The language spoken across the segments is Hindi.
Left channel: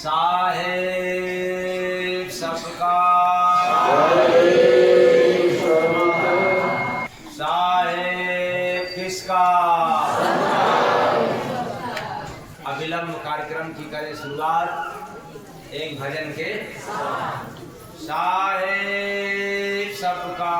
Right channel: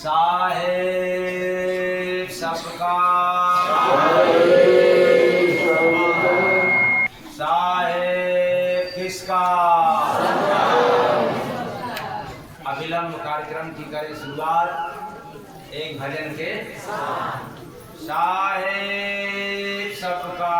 साहेब सबका, साहेब किसका। अविलंब कार्यक्रम की करे शुरुआत एक भजन के। साहेब सबका,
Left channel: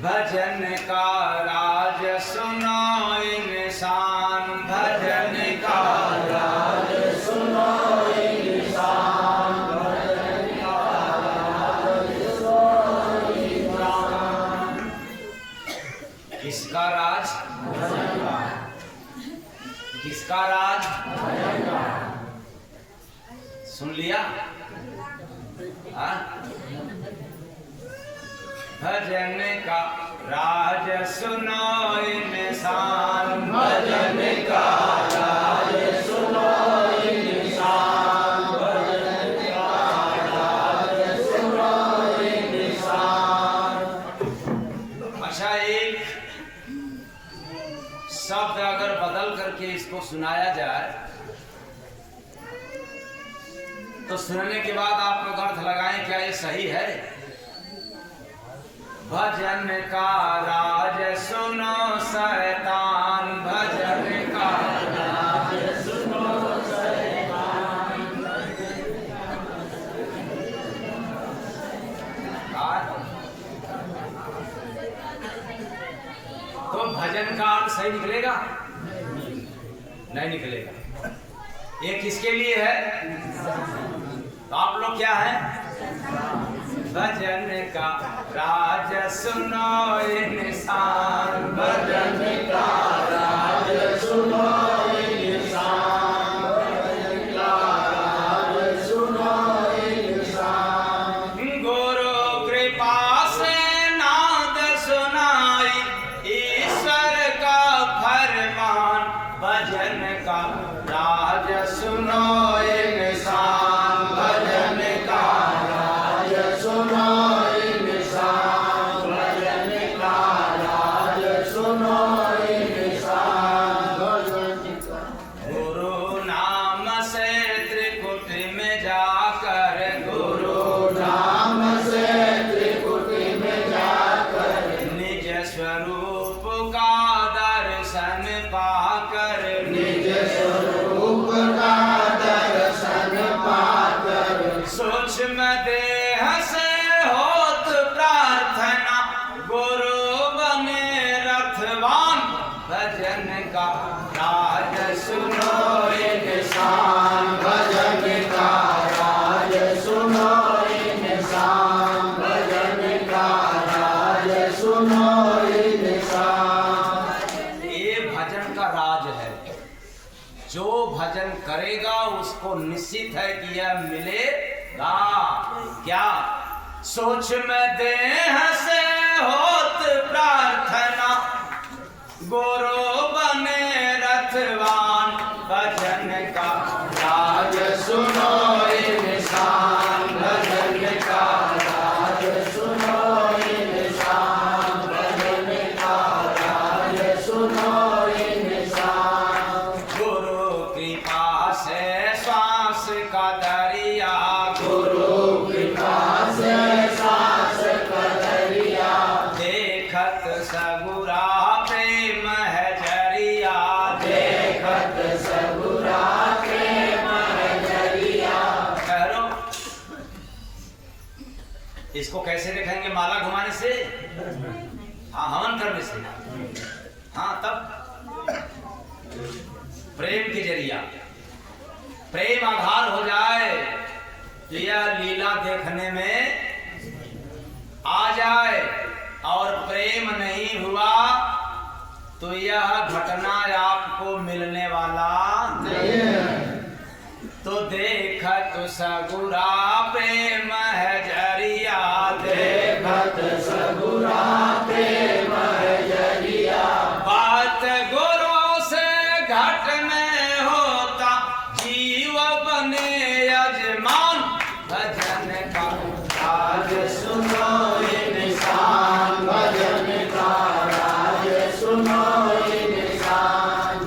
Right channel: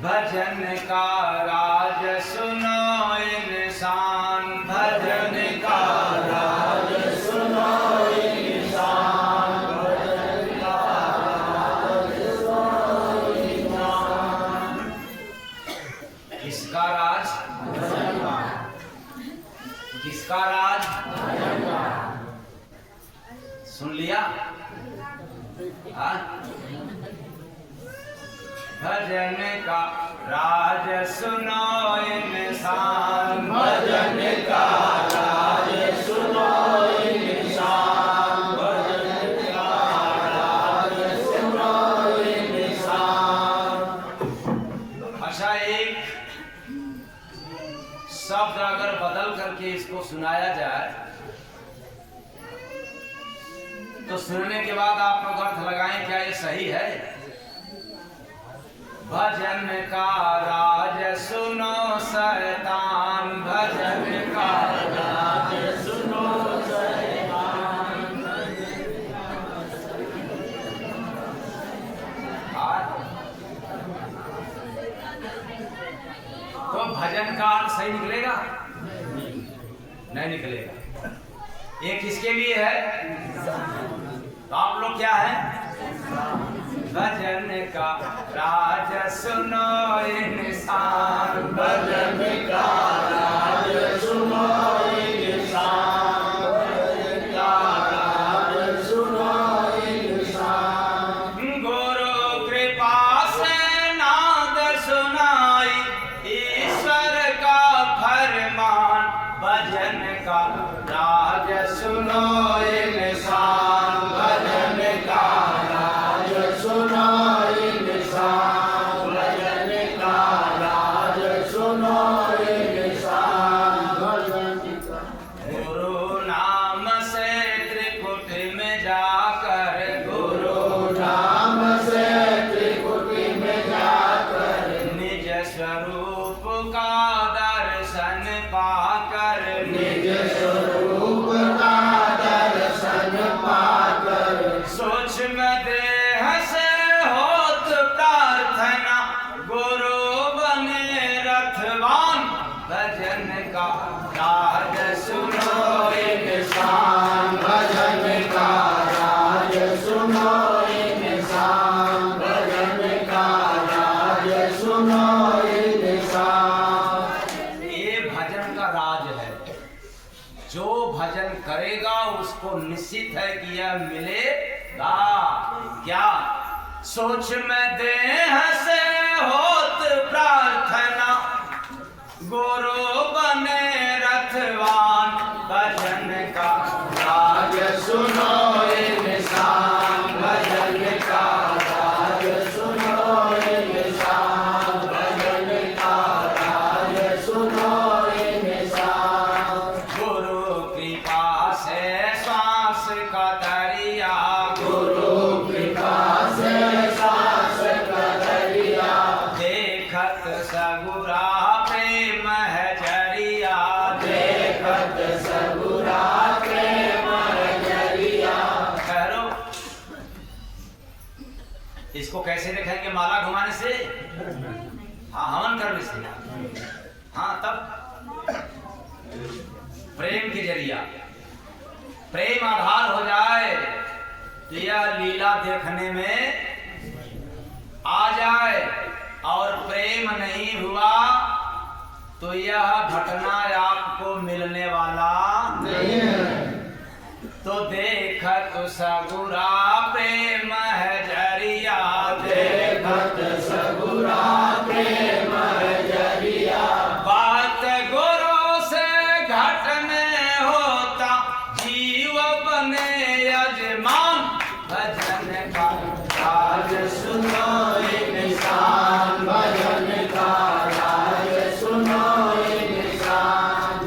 भजन का राज सुनो इंसान, भजन का राज सुनो इंसान, भजन का राज सुनो इंसान। किसका राज? किसका राज? सुन लिया? हाँ? भजन का राज सुनो इंसान, भजन का राज सुनो इंसान, भजन का राज सुनो इंसान। अच्छा, एक शब्द अगर बदल करके इसको सुनाया जाए तो सुनने के बाद आप लोग अर्थ लगाएं, क्या ये सही है? भजन का राज सुनो शैतान, भजन का राज सुनो शैतान। तो भजन का अर्थ सही निकलेगा? नहीं निकलेगा। ये किसके लिए है? तो आप लोग क्या है? भजन का राज सुनो इंसान, भजन का राज सुनो इंसान, भजन का राज सुनो इंसान। गुरु कृपा से नाद सुनाई ईश्वर का फरमान, भजन का राज सुनो इंसान, भजन का राज सुनो इंसान, भजन का राज सुनो इंसान, भजन का। गुरु नाम से त्रिकुट में जाकर, गुरु नाम से त्रिकुट में जाकर, निज स्वरूप का दर्शन पाकर, निज स्वरूप का दर्शन पाकर, सूक्ष्म देह से होत प्रार्थना, गुरु बने रथवान, भजन का राज सुनो इंसान, भजन का राज सुनो इंसान, भजन का राज सुनो इंसान। ये भजन का राज है। जो भजन करेगा उसको निश्चित है कि यह मिलेगा। क्या? सूक्ष्म देह से होत प्रार्थना, गुरु बने रथवान, भजन का राज सुनो इंसान, भजन का राज सुनो इंसान, भजन का राज सुनो इंसान। गुरु कृपा से श्वास का दरिया, गुरु कृपा से श्वास का दरिया, देखत सगुरा प्रेम है जरिया, देखत सगुरा प्रेम है जरिया। करो इसको कैसे देखेंगे? माला घुमाने से? हाँ, हवन करने से। हाँ, तब प्रेम के जरिया प्रेम आधार हो जाए तो यह लीला देखने में आ जाए, और प्रेम नहीं हुआ तो यह घटना आपको मिलने वाला नहीं है। तो देखत सगुरा प्रेम है जरिया, देखत सगुरा प्रेम है जरिया, बात गुरु से घट में होता, जीव बने यजमान, भजन का राज सुनो इंसान, भजन का राज सुनो इंसान,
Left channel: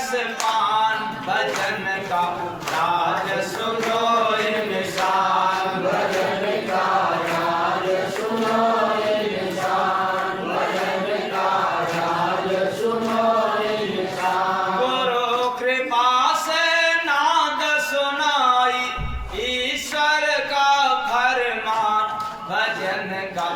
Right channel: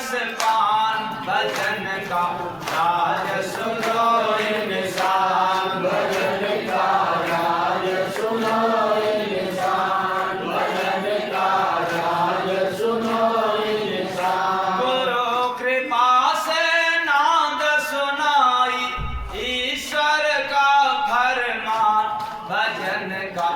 रस पान भजन का राज सुनो इंसान भजन का राज सुनो इंसान भजन का राज सुनो इंसान गुरु कृपा से नाद सुनाई ईश्वर का फरमान भजन का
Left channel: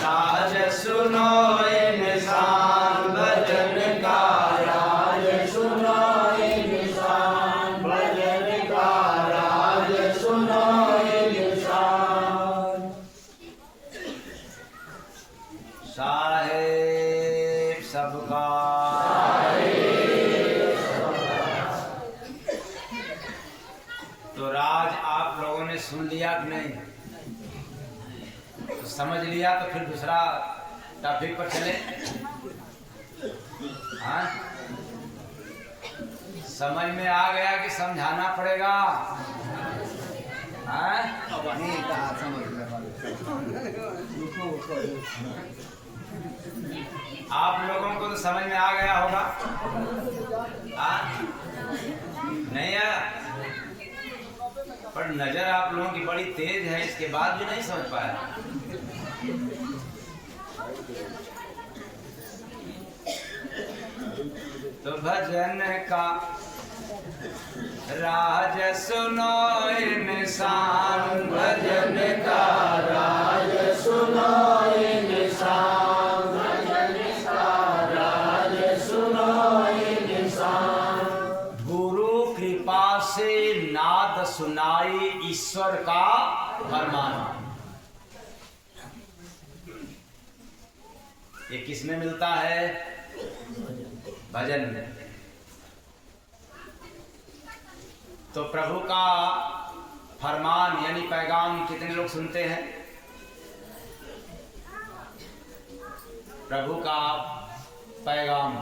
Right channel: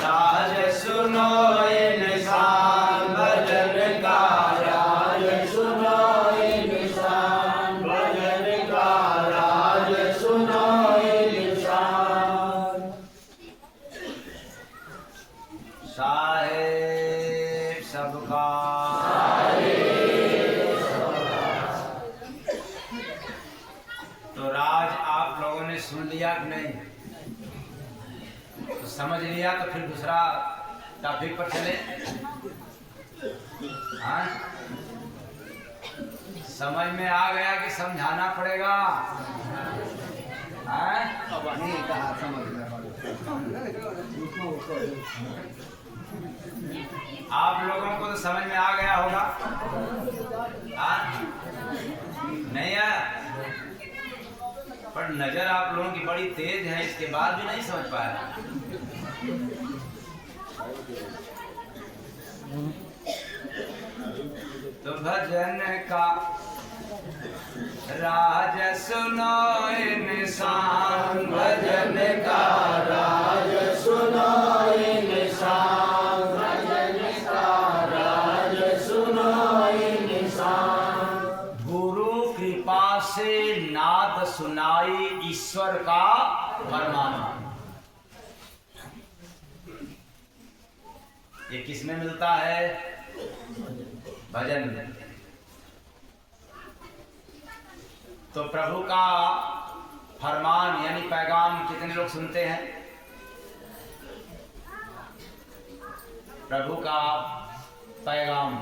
राज सुनो इंसान भजन का राज सुनो इंसान भजन का राज सुनो इंसान साहेब सबका तो राज आप लोगों ने सुन लिया कि नहीं? तो समझ लिया तो फिर दूसरा टॉपिक पर चले। हाँ, समझ में आ गया कि समझाना पड़ेगा? हाँ? आप लोगों को तो समझ में आ गया होगा। हाँ? नहीं आया? पर नजर आप लोगों की बड़ी तेज है, इसके बाद भी नहीं समझ पाया। तो भजन का राज सुनो इंसान भजन का राज सुनो इंसान भजन का राज सुनो इंसान गुरु कृपा से नाद सुनाई ईश्वर का फरमान। ये किस में मिलता है? भजन में। तो प्रभु का फरमान यानी पैगाम कितने लोग सुनते हैं? प्रभु का पैगाम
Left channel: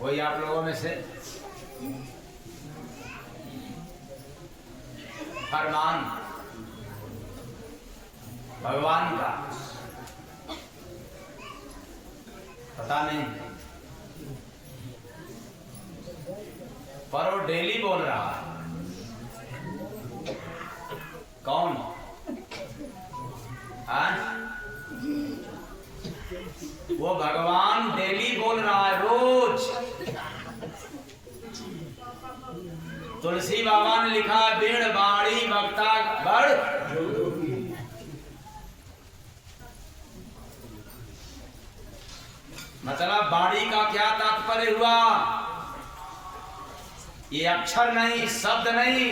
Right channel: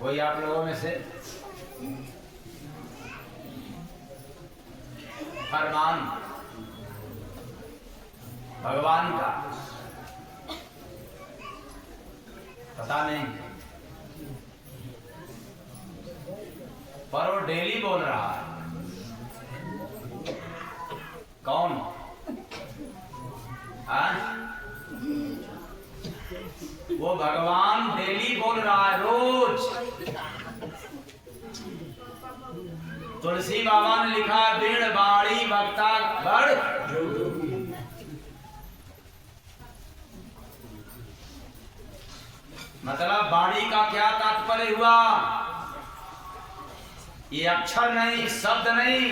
कोई आप लोगों में से फरमान भगवान का पता नहीं, पर वो डेली बोल रहा है। कौन? हाँ? वो भगवान डेली बोल रहा है, रोज। तुलसी बाबा ने लिखा है बीण बाड़ी बक्ता बड़ मतलब बाड़ी का क्या तात्पर्य हुआ? ये अक्षर नहीं, शब्द नहीं,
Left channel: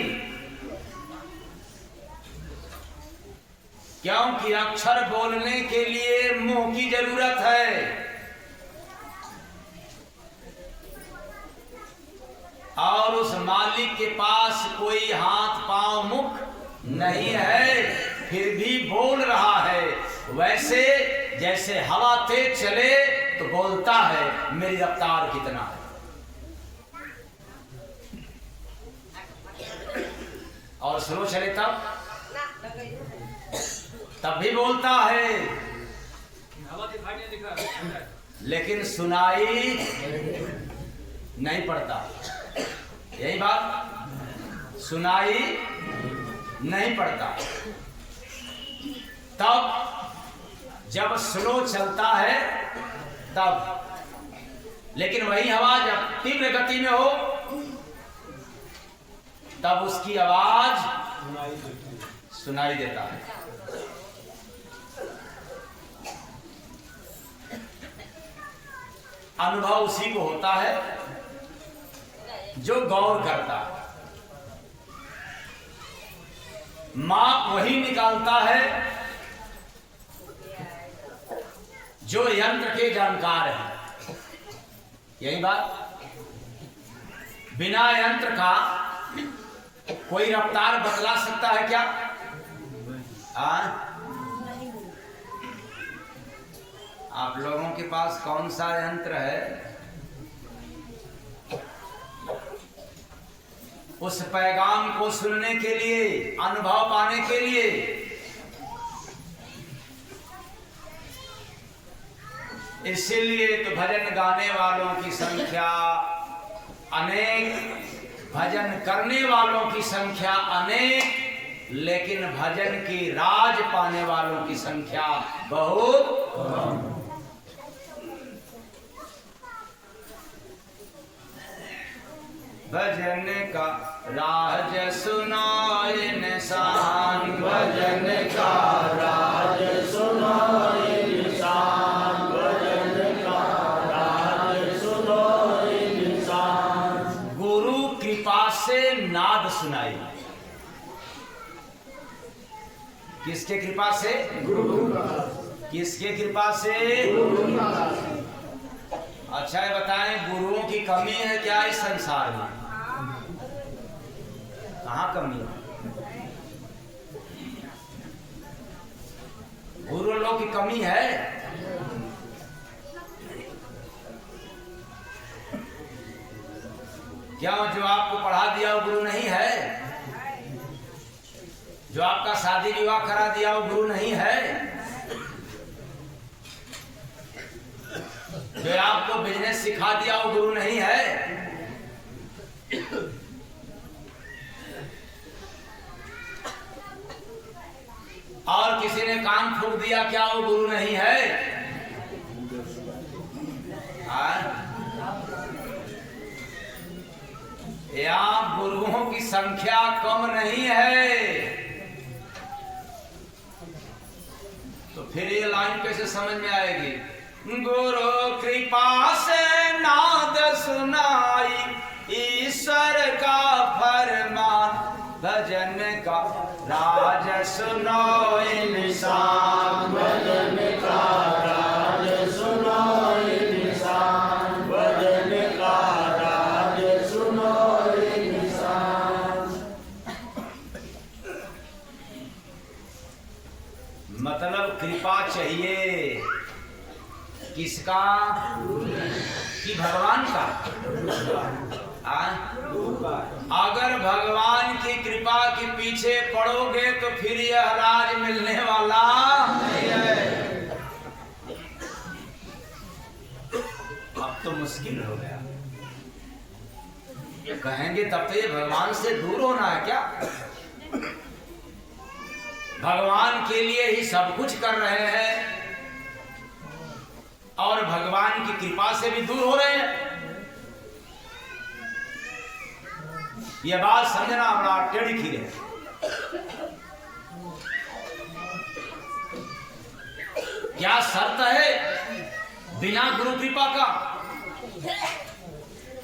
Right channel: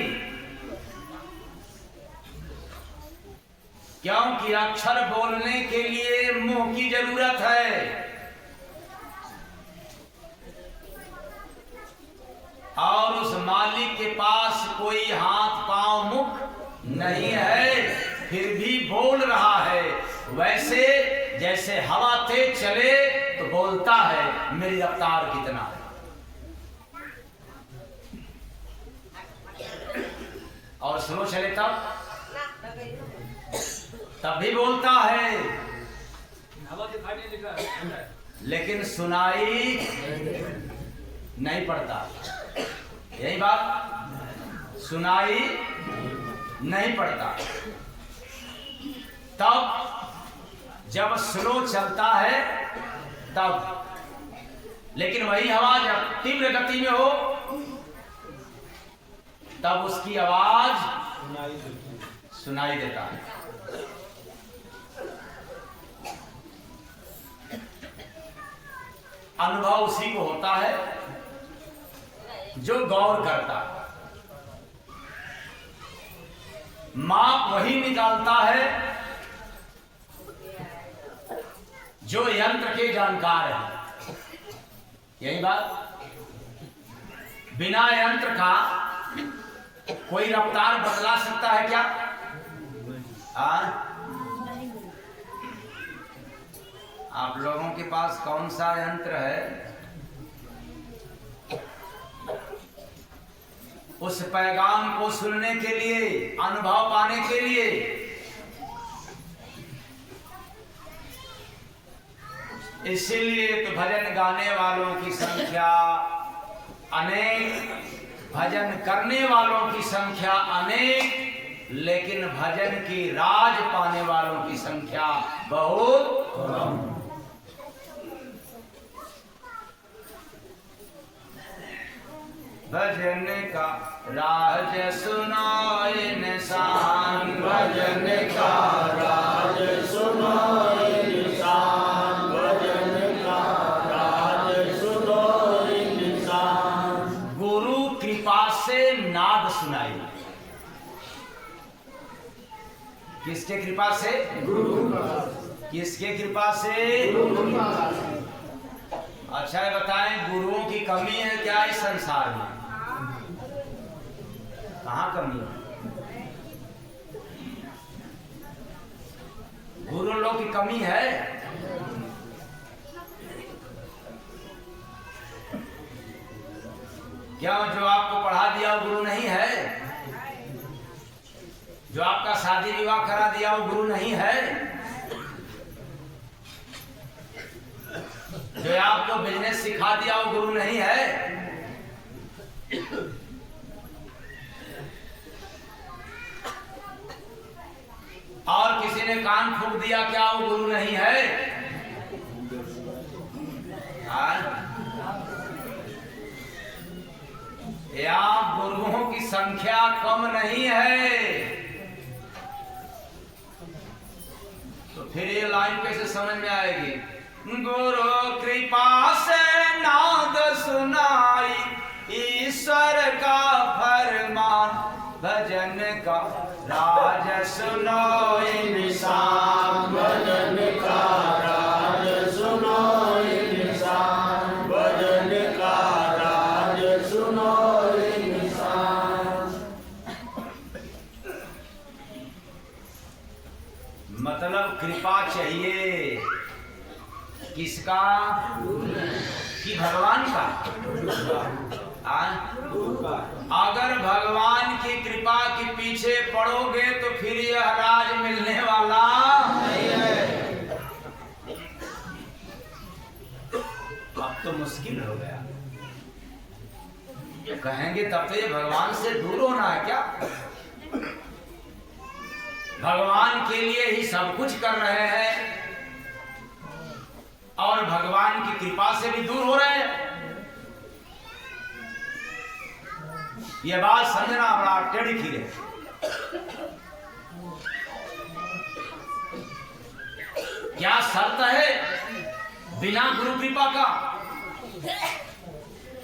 क्योंकि अक्षर बोलने के लिए मुंह की जरूरत है। और उस मालिक के पास कोई हाथ पांव मुख नहीं है, फिर भी बोल रहा है। वैसे जैसे हवा तेज चले तो बोलता है मेरी रफ्तार कितना है, और स्लो चले तब भी बोलता है, लेकिन सुनाई नहीं पड़ता। यही बात, सुनाई नहीं पड़ता। तब जब स्लो चलता है तब, लेकिन वही हवा जब तीव्र गति में हो तब उसकी आवाज सुनाई देता है। अनुभव उसी को होता है जो गौर करता है। माप वही निकालता है जो यंत्र के जानकार हैं। यही बात, बिना यंत्र का कोई रफ्तार बदला सकता है क्या? आप लोगों के पास कौन सा यंत्र है? उस पैगाम को सुनने के लिए, अनुभव पाने के लिए इसीलिए तो भजन गाने वालों की संख्या अनेक, भजन करने वालों की संख्या अनेक, लेकिन भजन की राज पाने वालों की संख्या बहुत कम। भजन का राज सुनाए निशान, भजन का राज सुनाए निशान, भजन का राज सुनाए निशान। गुरु कृपा से नाद सुनाई। किसके कृपा से? किसके कृपा से? अच्छा ये बताएं, गुरुओं की कमी है क्या इस संसार में? कहाँ कमी है? गुरु लोग की कमी है? क्या जो आपको पढ़ा दिया वो गुरु नहीं है? जो आपका शादी विवाह करा दिया वो गुरु नहीं है? जो आपको बिजनेस सिखा दिया वो गुरु नहीं है? और किसी ने कान फूंक दिया, क्या वो गुरु नहीं है? यहाँ गुरुओं की संख्या कम नहीं है। तो फिर ये लाइन कैसे समझ में आएगी? गुरु कृपा से नाद सुनाई, ईश्वर का फरमान, भजन का राज सुनाए निशान, भजन का राज सुनाए निशान, भजन का राज सुनाए निशान। मतलब कृपा चाहिए किसका? कि भगवान का? अगर भगवान की कृपा के पीछे पड़ोगे तो फिर यह राज मिलने वाला नहीं है। अब तो मुश्किल हो गया। कहेंगे तब तो ये भगवान से दूर होना है क्या? भगवान के लिए ही सब कुछ कर रहे हैं और भगवान की कृपा से भी दूर हो रहे हैं। यह बात समझना बड़ा टेढ़ी खीर है। क्या शर्त है बिना गुरु कृपा का?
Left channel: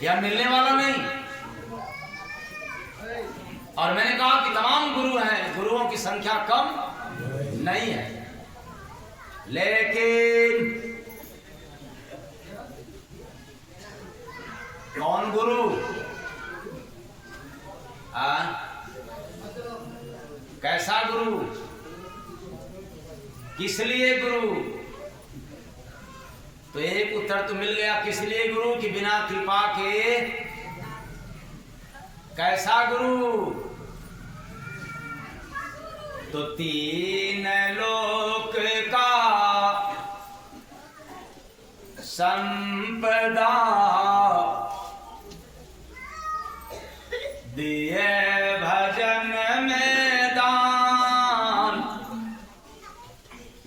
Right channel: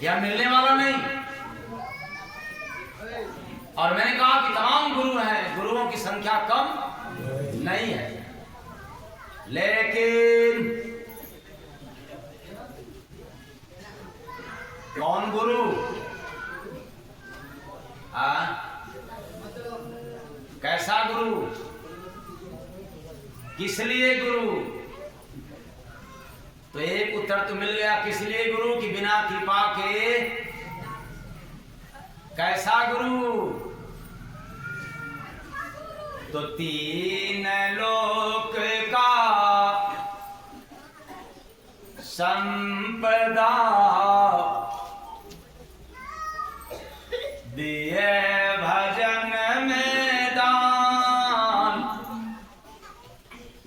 यह मिलने वाला नहीं। और मैंने कहा कि तमाम गुरु हैं, गुरुओं की संख्या कम नहीं है, लेकिन कौन गुरु? कैसा गुरु? किस लिए गुरु? तो एक उत्तर तो मिल गया, किस लिए गुरु कि बिना कृपा के। कैसा गुरु? तो तीन लोक का संपदा दिए भजन में दान,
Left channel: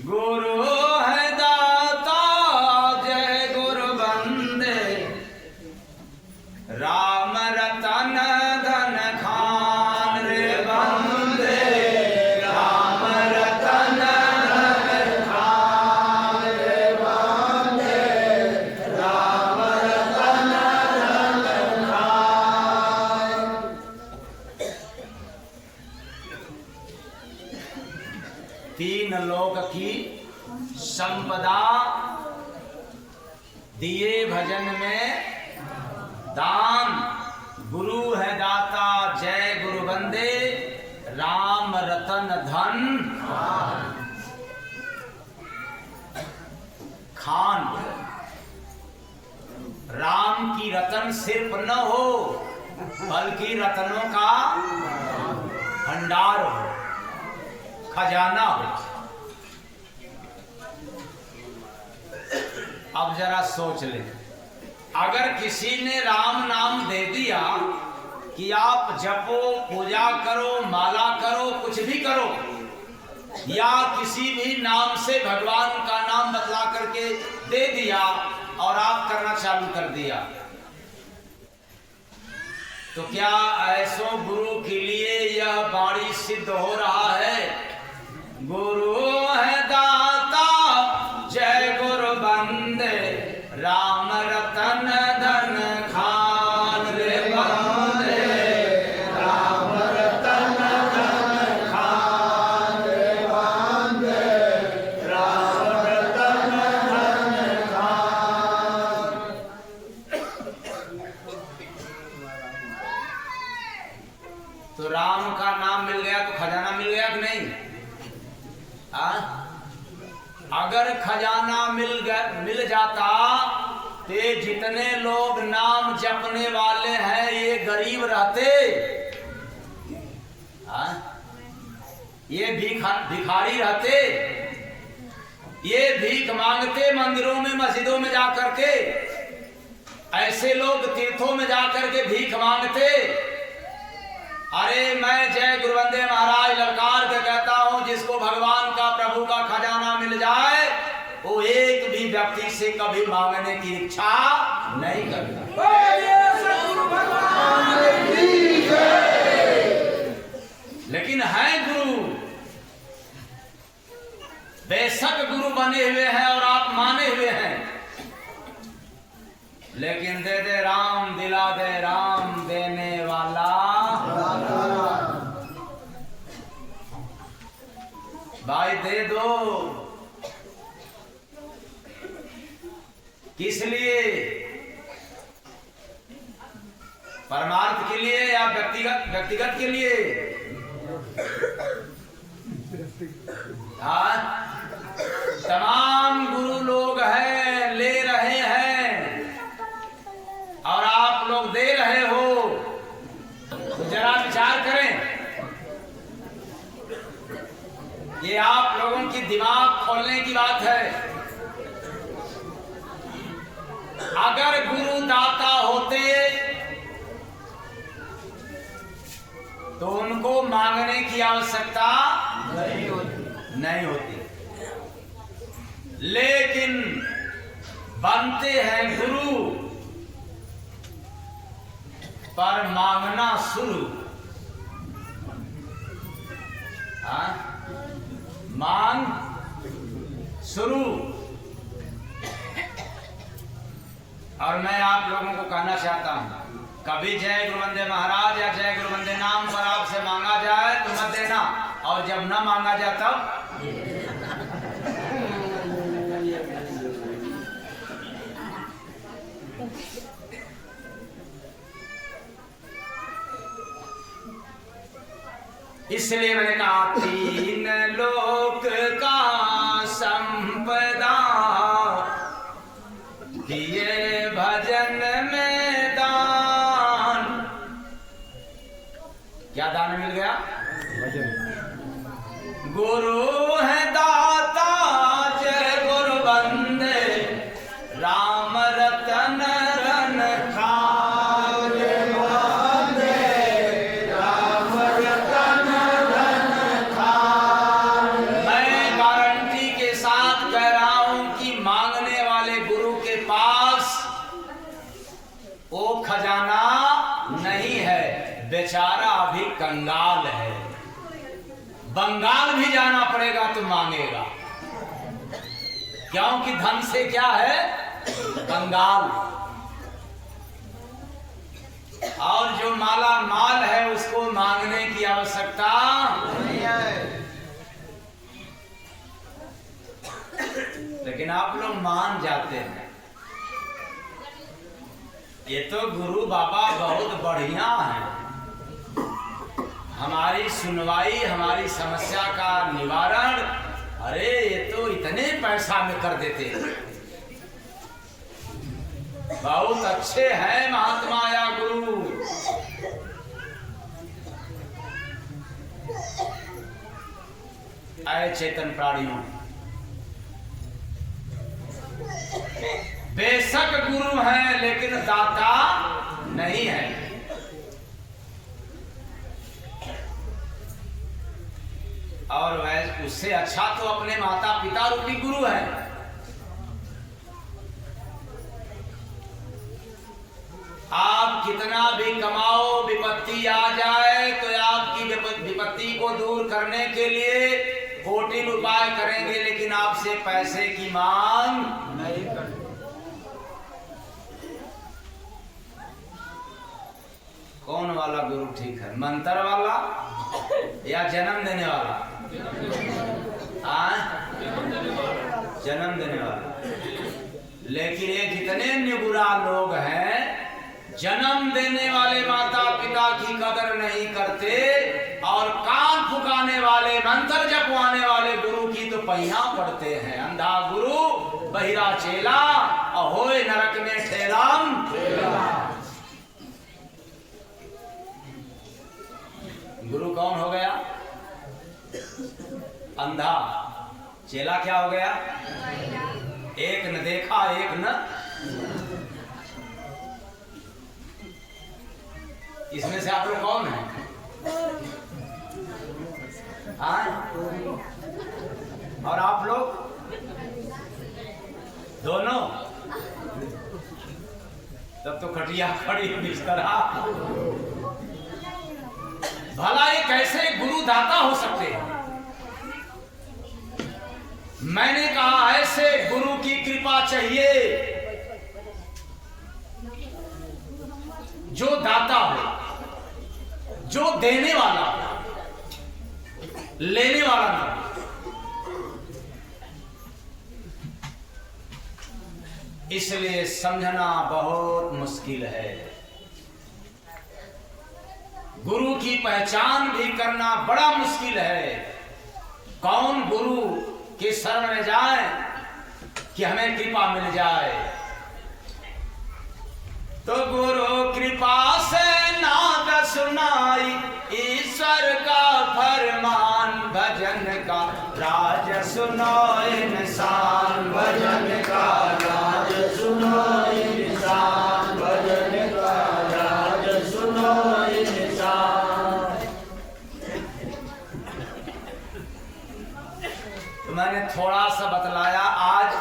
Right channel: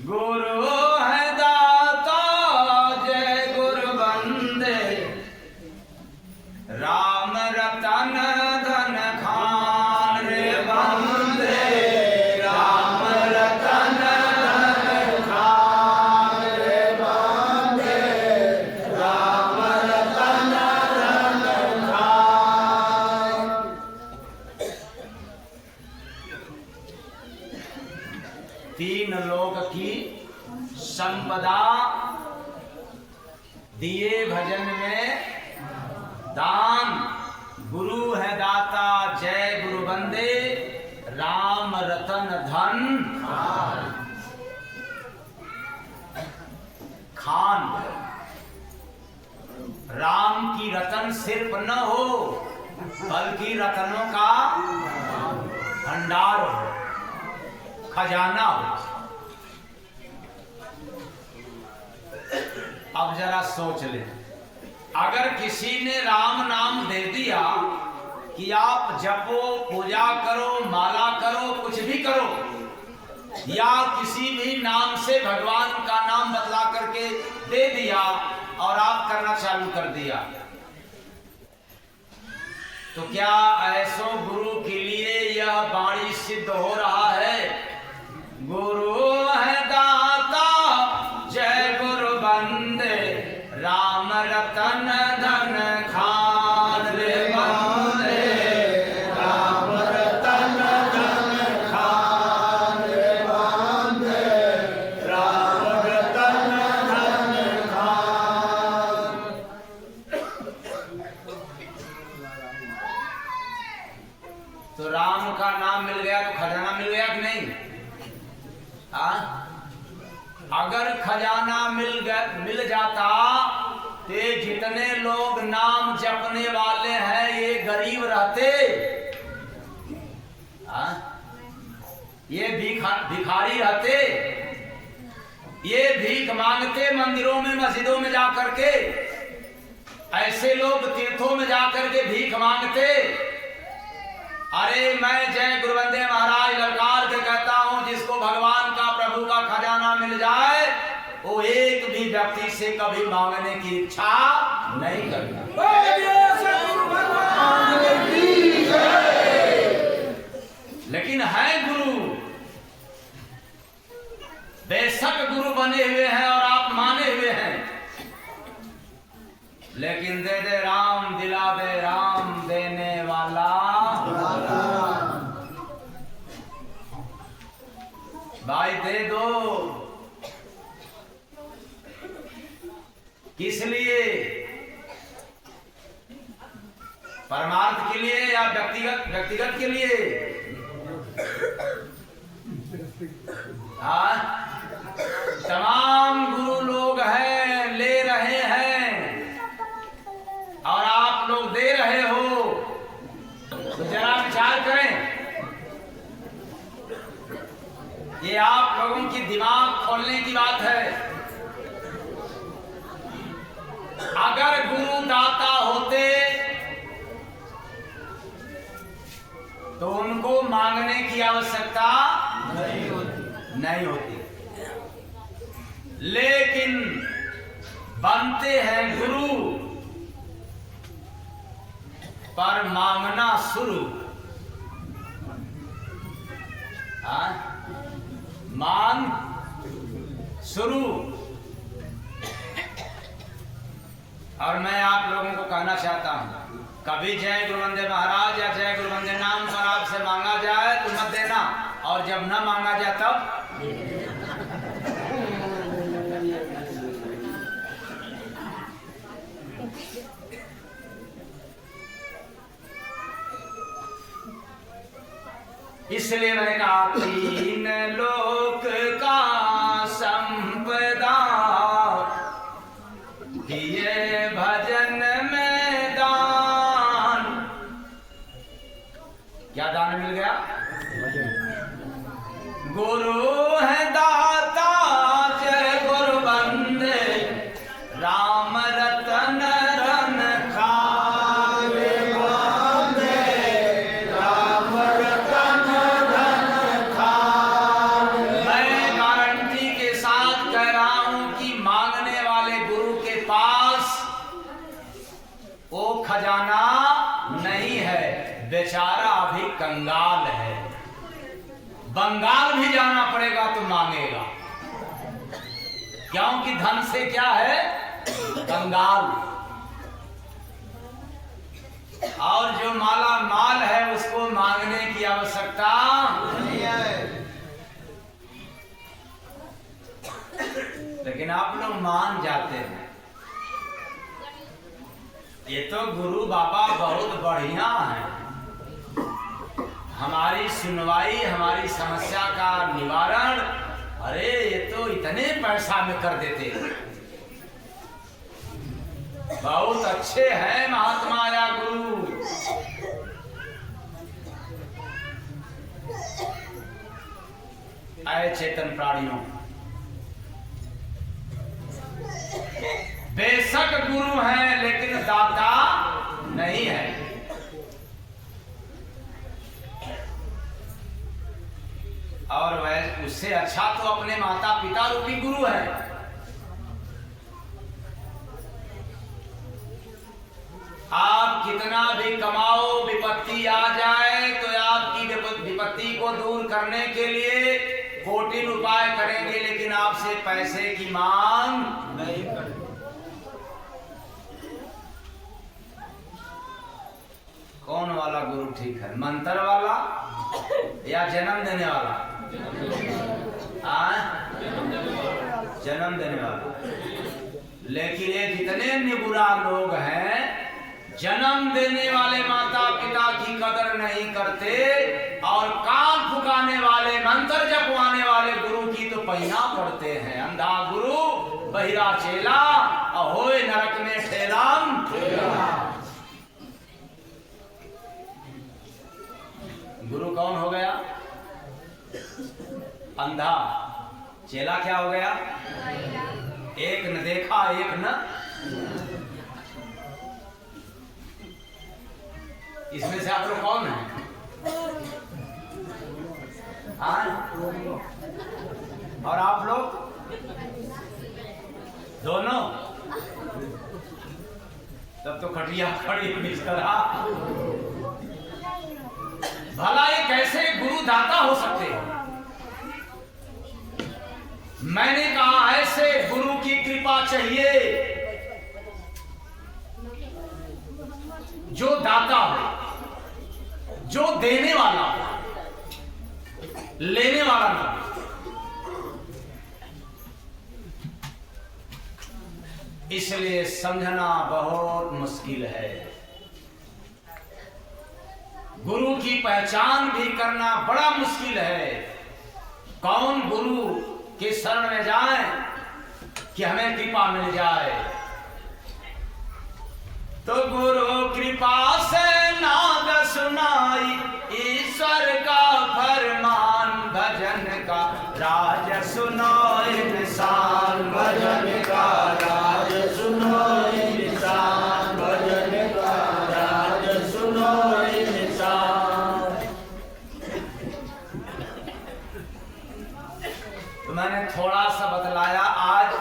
गुरु है दाता जय गुरु बंदे, राम रतन धन खान रे बंदे, राम रतन धन खान रे बंदे, राम रतन धन खान। तीन लोक की संपदा दिए भजन में दान, गुरु है दाता जय गुरु बंदे, राम रतन धन खान। राम की रतन सिर्फ न हो बल्कि रतनों का भंडार हो, खजाना हो। अब जरा सोच ले, अगर किसी ने राम नाम दे दिया कि आप जपो, पूजा करो, माला करो, कुछ भी करो, या किसी भी नाम से भगवान का नाम बतला करके दे दिया और आप करना चालू कर दिया, तो क्या ऐसो गुरु के लिए यह वाणी सिद्ध हो रहा है? गुरु है दाता जय गुरु बंदे, राम रतन धन खान रे बंदे, राम रतन धन खान रे बंदे, राम रतन धन खान। तो राम का नाम मिल गया तो खजाना मिल गया कि नहीं? अगर खजाना मिल जाता तो जितने लोग नाम जपने वाले हैं ये गरीब रहते, ये भिखारी रहते, ये भीख मांगते मंदिरों में मस्जिदों में जाकर के, ऐसे लोग तीर्थों में जाकर के भीख मांगते। अरे मैं जय गुरुवंदे महाराज ललकार के कहता हूं, जिसको भगवान का प्रभु का खजाना मिल जाए वो एक भी व्यक्ति से कभी मांगने की इच्छा नहीं करता। लेकिन है गुरु, बेशक गुरु बने हुए हैं और आप माने हुए हैं, लेकिन दे दे राम दिला दे राम देने वाला भाई दे दो। किस लिए? परमार्थ के लिए या व्यक्तिगत के लिए? हाँ, तमाम गुरु लोग हैं, ले रहे हैं और आप लोग दे रहे हो, तो जरा विचार करें। ये आप लोगों की दिमाग खोलने की बात है। अगर गुरु दाता होते तो उनको मांगने की आवश्यकता नहीं होती, लेकिन बनते हैं गुरु पर मांगना शुरू। मांग शुरू। और मैं आप लोगों को कहना चाहता हूं, कभी जय गुरुवंदे महाराज या जय गुरुवंदे नाम पर आपसे मांगा जाए तो मत देना, और जब न मांगा जाए तब इसलिए मैंने कहा तीन लोक का संपदा दिए भजन में दान। क्या दान मिल गया? गुरु है दाता जय गुरु बंदे, राम रतन धन खान बंदे, राम रतन धन खान। मैं गारंटी के साथ कह रहा हूं कि मांगने वाले गुरु के पास वो खजाना नहीं है, बेचारा अभी कंगाल है। बंगाल भी जाना पड़ेगा तो मांगेगा, क्योंकि धन से क्या है? कंगाल। और जो माला माल है उसको मांगने की आवश्यकता नहीं है। लेकिन आप लोग मान जाते हैं। ये तो गुरु बाबा बहुत बढ़िया है, हमारी सुनवाई, हमारी समस्या का निवारण, अरे ये तो इतने पैसा में कर देते हैं। बहुत अच्छे हैं महात्मा या गुरु। आए चेतन प्राणियों, गुरु हैं लेकिन दाता नहीं है। और वह उससे अच्छा तो अपने माता पिता रूपी गुरु है। आप कितना भी कमाओ, विपत्ति आ जाए तो आपकी विपत्ति को दूर करने के लिए कोटि उपाय करेंगे, लेकिन आपसे पैसे की मांग नहीं करेंगे। कौन वाला गुरु ठीक है, मंत्र वाला या जन्म देने वाला? जन्म देने वाला। लेकिन ये जितने निगुरा लोग हैं, जन्म देने वाले माता पिता की कदर नहीं करते और कान फुकाने वाले, मंत्र जपवाने वाले गुरु की तो पहिया पड़ते हैं। अंधा गुरु बहिरा चेला, अहोय नरक में ठेलाम। गुरु कौन हो गया? अंधा। चेला क्या हो गया? एक न देखा एक न। इसमें से आप लोग कौन हैं? और आप लोग दोनों? तब तो खटिया खड़ी बिस्तरा। भला ये कैसे गुरु दाता हो सकते हैं? मैंने कहा ऐसे गुरु की कृपा चाहिए जो दाता हो, जो देने वाला हो, लेने वाला नहीं। इसलिए समझना बहुत मुश्किल है। गुरु की पहचान भी करना बड़ा मुश्किल है। कौन गुरु के शरण में जाए कि हमें कृपा मिल जाए? तो गुरु कृपा से नाद सुनाई, ईश्वर का फरमान, भजन का राज सुनो इंसान, भजन का राज सुनो इंसान, भजन का राज सुनो इंसान। तो मैंने थोड़ा सा बतलाया आज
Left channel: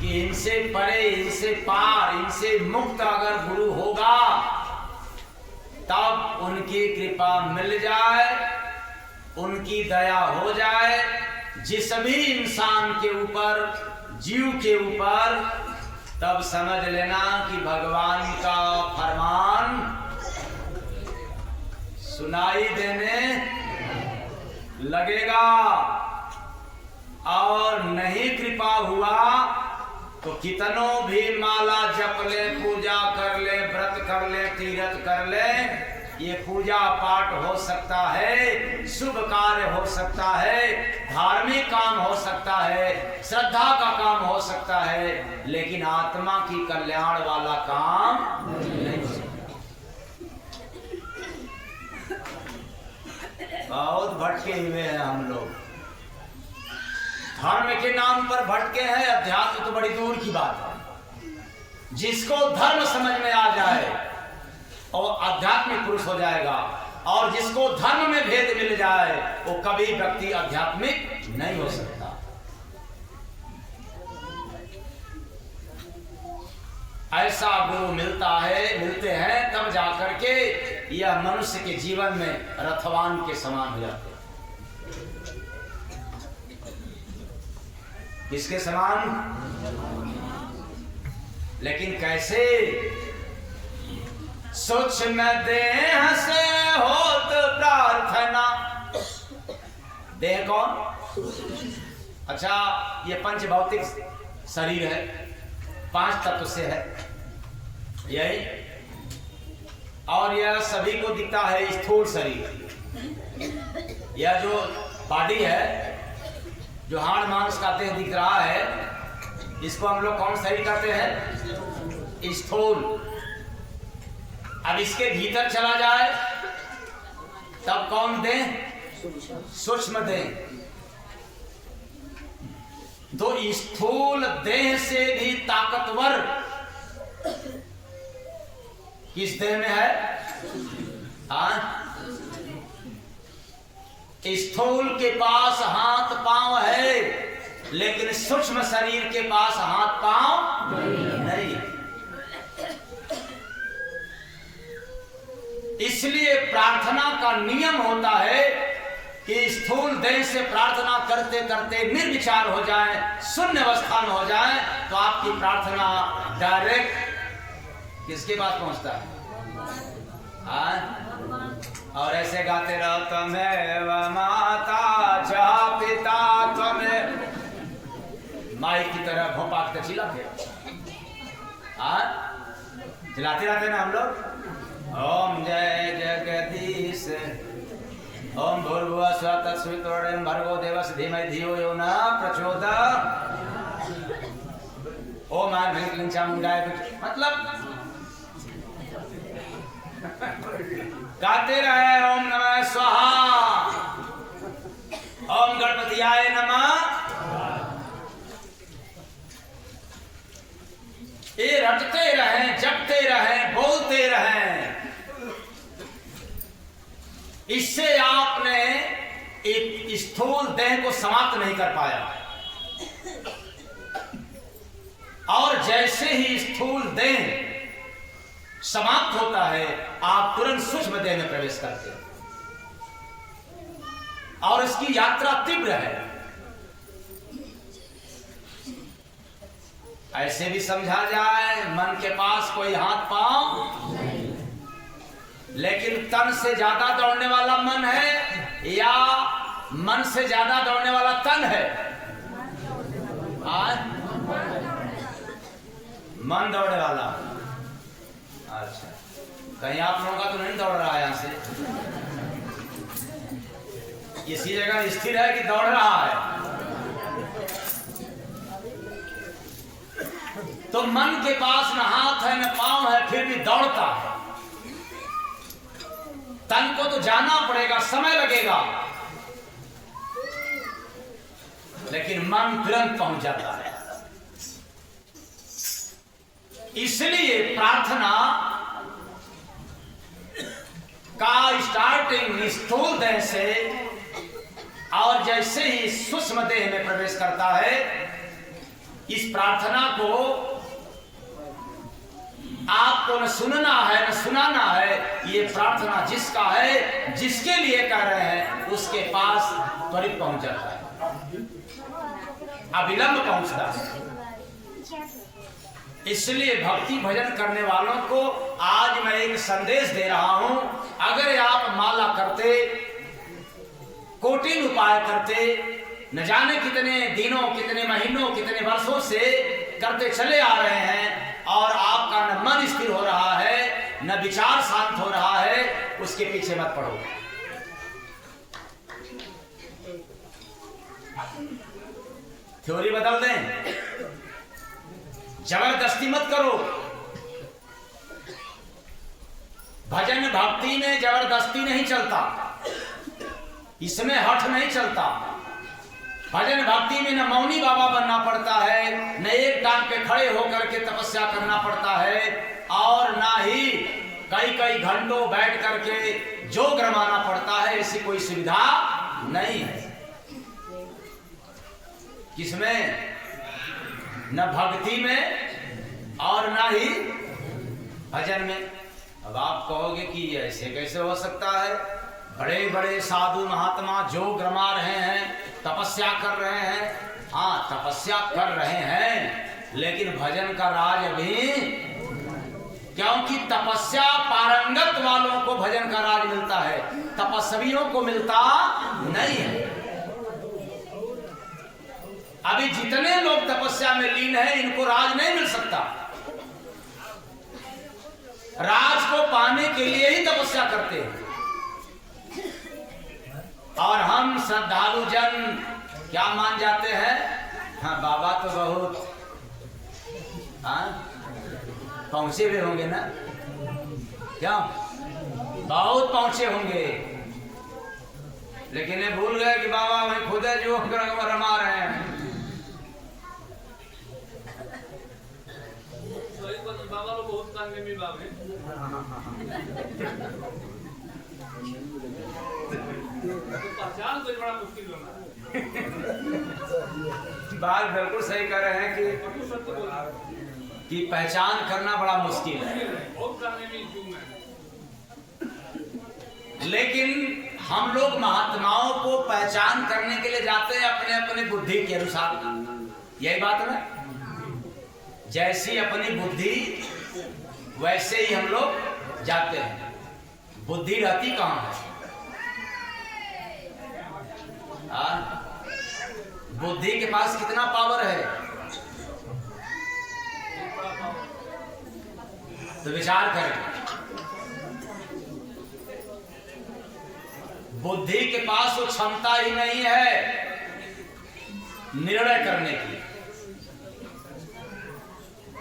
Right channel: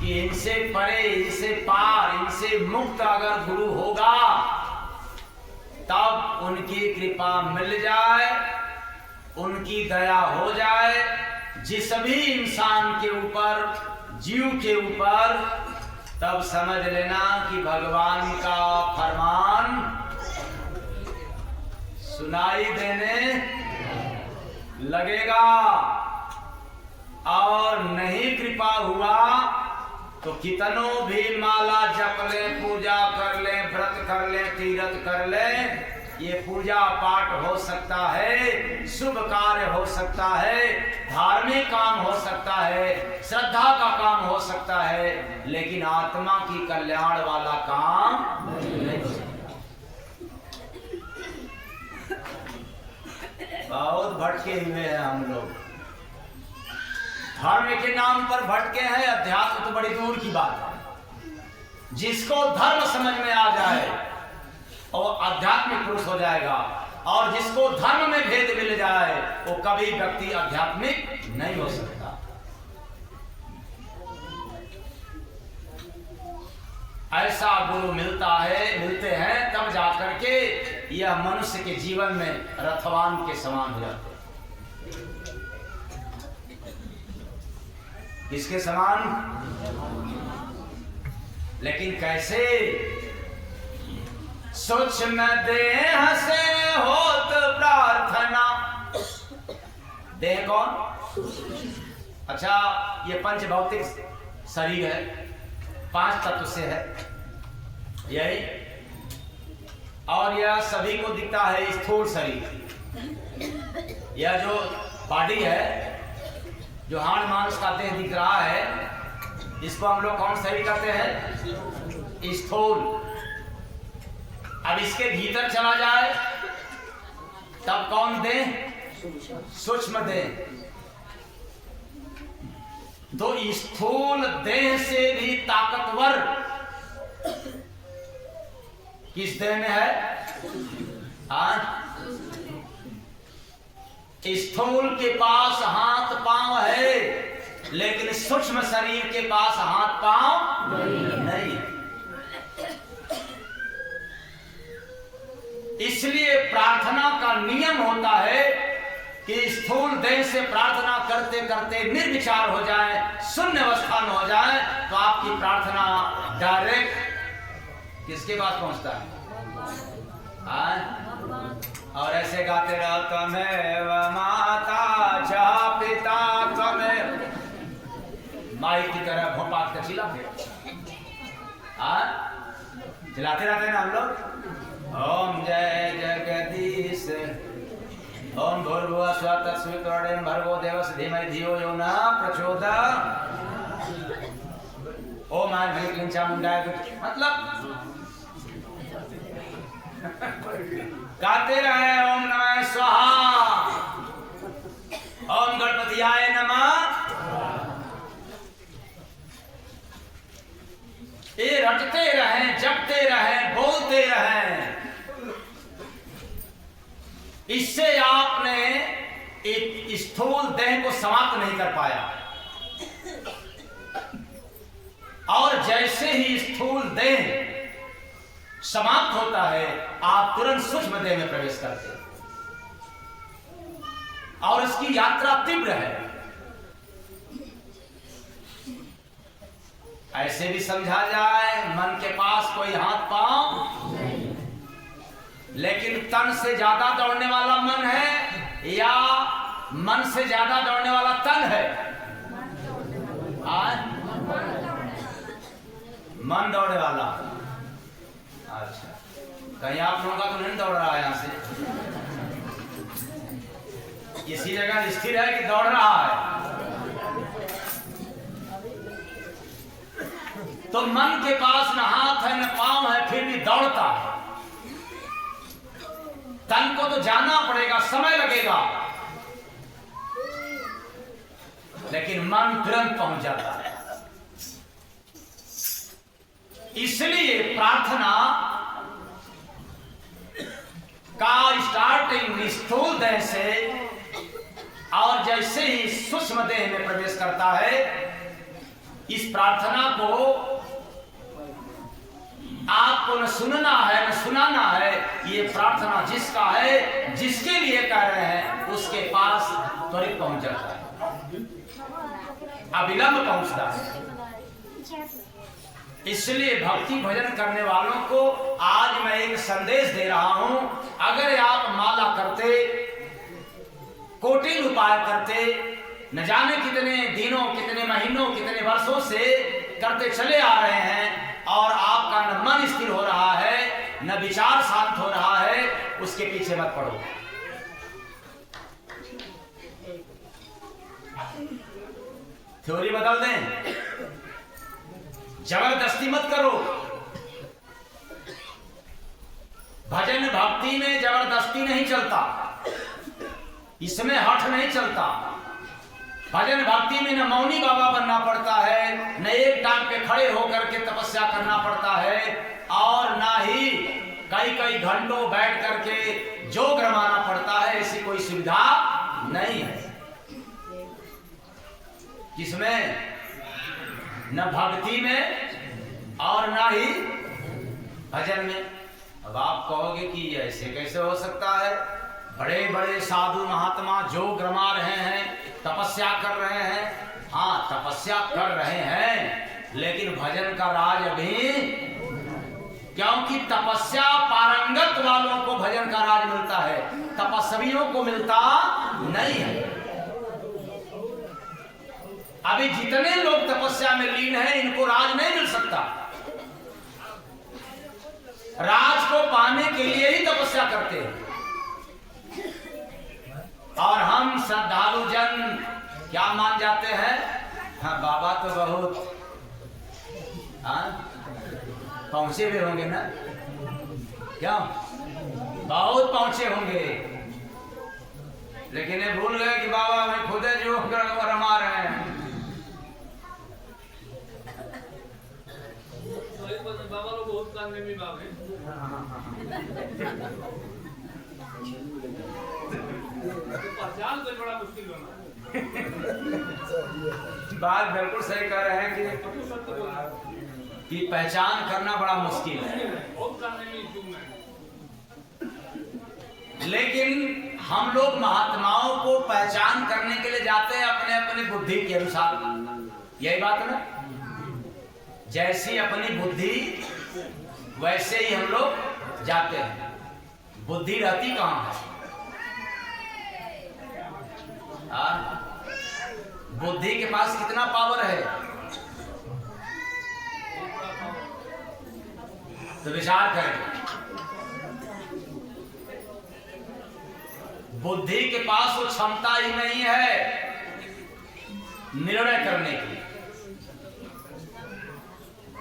कि इनसे परे, इनसे पार, इनसे मुक्त अगर गुरु होगा तब उनकी कृपा मिल जाए, उनकी दया हो जाए जिस भी इंसान के ऊपर, जीव के ऊपर, तब समझ लेना कि भगवान का फरमान सुनाई देने लगेगा। और नहीं कृपा हुआ तो कितनों भी माला जप ले, पूजा कर ले, व्रत कर ले, तीर्थ कर ले, ये पूजा पाठ हो सकता है, शुभ कार्य हो सकता है, धार्मिक काम हो सकता है, श्रद्धा का काम हो सकता है, लेकिन आत्मा की कल्याण वाला काम नहीं हो सकता। बहुत भटके हुए हैं हम लोग, धर्म के नाम पर भटके हैं। अध्यात्म तो बड़ी दूर की बात है। जिसको धर्म समझ में आ जाए और आध्यात्मिक पुरुष हो जाएगा, और जिसको धर्म में भेद मिल जाए वो कभी व्यक्ति आध्यात्मिक नहीं हो सकता। ऐसा गुरु मिलते हैं तब जाकर के यह मनुष्य के जीवन में रथवान के समान हो जाते हैं। किसके समान? लेकिन कैसे? सूक्ष्म देह से होत प्रार्थना। देह कौन? अच्छा, ये पंच भौतिक शरीर है, 5 तत्व से है यही, और यह सभी को दिखता है स्थूल शरीर। यह जो बॉडी है, जो हाड़ मांस का देह दिख रहा है, इसको हम लोग कौन शरीर कहते हैं? स्थूल। अब इसके भीतर चला जाए तब कौन देह? सूक्ष्म देह। तो स्थूल देह से भी ताकतवर किस देह में है? स्थूल के पास हाथ पांव है, लेकिन सूक्ष्म शरीर के पास हाथ पांव नहीं है। इसलिए प्रार्थना का नियम होता है कि स्थूल देह से प्रार्थना करते करते निर्विचार हो जाए, शून्य अवस्था में हो जाए, तो आपकी प्रार्थना डायरेक्ट किसके पास पहुंचता है? और ऐसे गाते रहो, त्वमेव माता च पिता त्वमेव, माई की तरह भोपा के चिल्लाते चिल्लाते रहते ना हम लोग। ओम जय जगदीश, ओम भूर्भुवः स्वः तत्सवितुर्वरेण्यं भर्गो देवस्य धीमहि धियो यो न प्रचोदयात्, ओम आय क्लीं चामुंडाय, मतलब गाते रहे ओम नमः स्वाहा, ओम गणपतियाय नमः। ये रटते रहें, जपते रहें, बोलते रहें। इससे आपने एक स्थूल देह को समाप्त नहीं कर पाया, और जैसे ही स्थूल देह समाप्त होता है, आप तुरंत सूक्ष्म देह में प्रवेश करते हैं, और इसकी यात्रा तीव्र है। ऐसे भी समझा जाए, मन के पास कोई हाथ पांव नहीं, लेकिन तन से ज्यादा दौड़ने वाला मन है या मन से ज्यादा दौड़ने वाला तन है? मन दौड़ने वाला। अच्छा, कहीं आप लोगों का तो नहीं दौड़ रहा है यहां से? इसी जगह स्थिर है कि दौड़ रहा है? तो मन के पास न हाथ है न पांव है, फिर भी दौड़ता है। तन को तो जाना पड़ेगा, समय लगेगा, लेकिन मन तुरंत पहुंच जाता है। इसलिए प्रार्थना का स्टार्टिंग स्थूल देह से, और जैसे ही सूक्ष्म देह में प्रवेश करता है, इस प्रार्थना को आपको न सुनना है न सुनाना है। ये प्रार्थना जिसका है, जिसके लिए कह रहे हैं, उसके पास त्वरित पहुंच जाता है, अविलंब पहुंचता है। इसलिए भक्ति भजन करने वालों को आज मैं एक संदेश दे रहा हूं। अगर आप माला करते, कोटिन उपाय करते, न जाने कितने दिनों, कितने महीनों, कितने वर्षों से करते चले आ रहे हैं, और आपका न मन स्थिर हो रहा है, न विचार शांत हो रहा है, उसके पीछे मत पड़ो। थ्योरी बदल दें, जबरदस्ती मत करो। भजन भक्ति में जबरदस्ती नहीं चलता, इसमें हठ नहीं चलता। भजन भक्ति में न मौनी बाबा बनना पड़ता है, न एक टांग पे खड़े होकर के तपस्या करना पड़ता है, और ना ही कई कई घंटों बैठ करके जोग रमाना पड़ता है। ऐसी कोई सुविधा नहीं है। किसमें? न भक्ति में और ना ही भजन में। अब आप कहोगे कि ऐसे कैसे हो सकता है? बड़े बड़े साधु महात्मा जोग रमा रहे हैं, तपस्या कर रहे हैं। हाँ, तपस्या कर रहे हैं, लेकिन भजन का राज अभी, क्योंकि तपस्या पारंगत वालों को भजन का राज मिलता है, तपस्वियों को मिलता नहीं है। अभी जितने लोग तपस्या में लीन हैं, इनको राज नहीं मिल सकता। राज को पाने के लिए ही तपस्या करते हैं। और हम श्रद्धालु जन क्या मान जाते हैं? हाँ, बाबा तो बहुत पहुंचे हुए होंगे ना, क्या बहुत पहुंचे होंगे, लेकिन ये भूल गए कि बाबा वही खुद है जो रमा रहे हैं। पहचान तो बड़ा मुश्किल बना है। बात बिल्कुल सही कर रहे हैं कि पहचान करना बड़ा मुश्किल है, लेकिन हम लोग महात्माओं को पहचान करने के लिए जाते हैं अपने अपने बुद्धि के अनुसार। यही बात है ना, जैसी अपनी बुद्धि वैसे ही हम लोग जाते हैं। बुद्धि रहती कहाँ है? बुद्धि के पास कितना पावर है? तो विचार करें, बुद्धि के पास वो क्षमता ही नहीं है निर्णय करने की।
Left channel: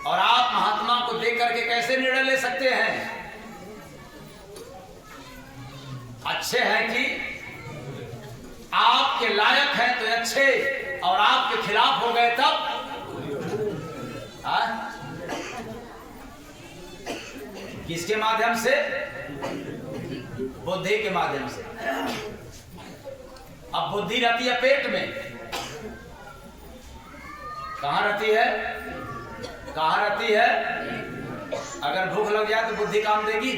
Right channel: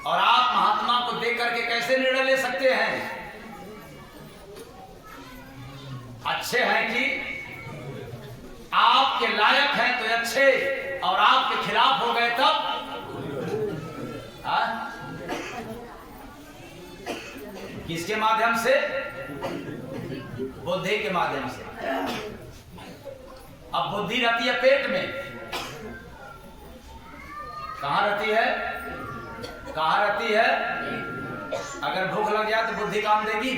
और आप महात्मा को देख करके कैसे निर्णय ले सकते हैं? अच्छे हैं कि आपके लायक हैं तो अच्छे, और आपके खिलाफ हो गए तब किसके माध्यम से? बुद्धि के माध्यम से। अब बुद्धि रहती है पेट में। कहां रहती है? कहां रहती है? अगर भूख लग जाए तो बुद्धि काम देगी?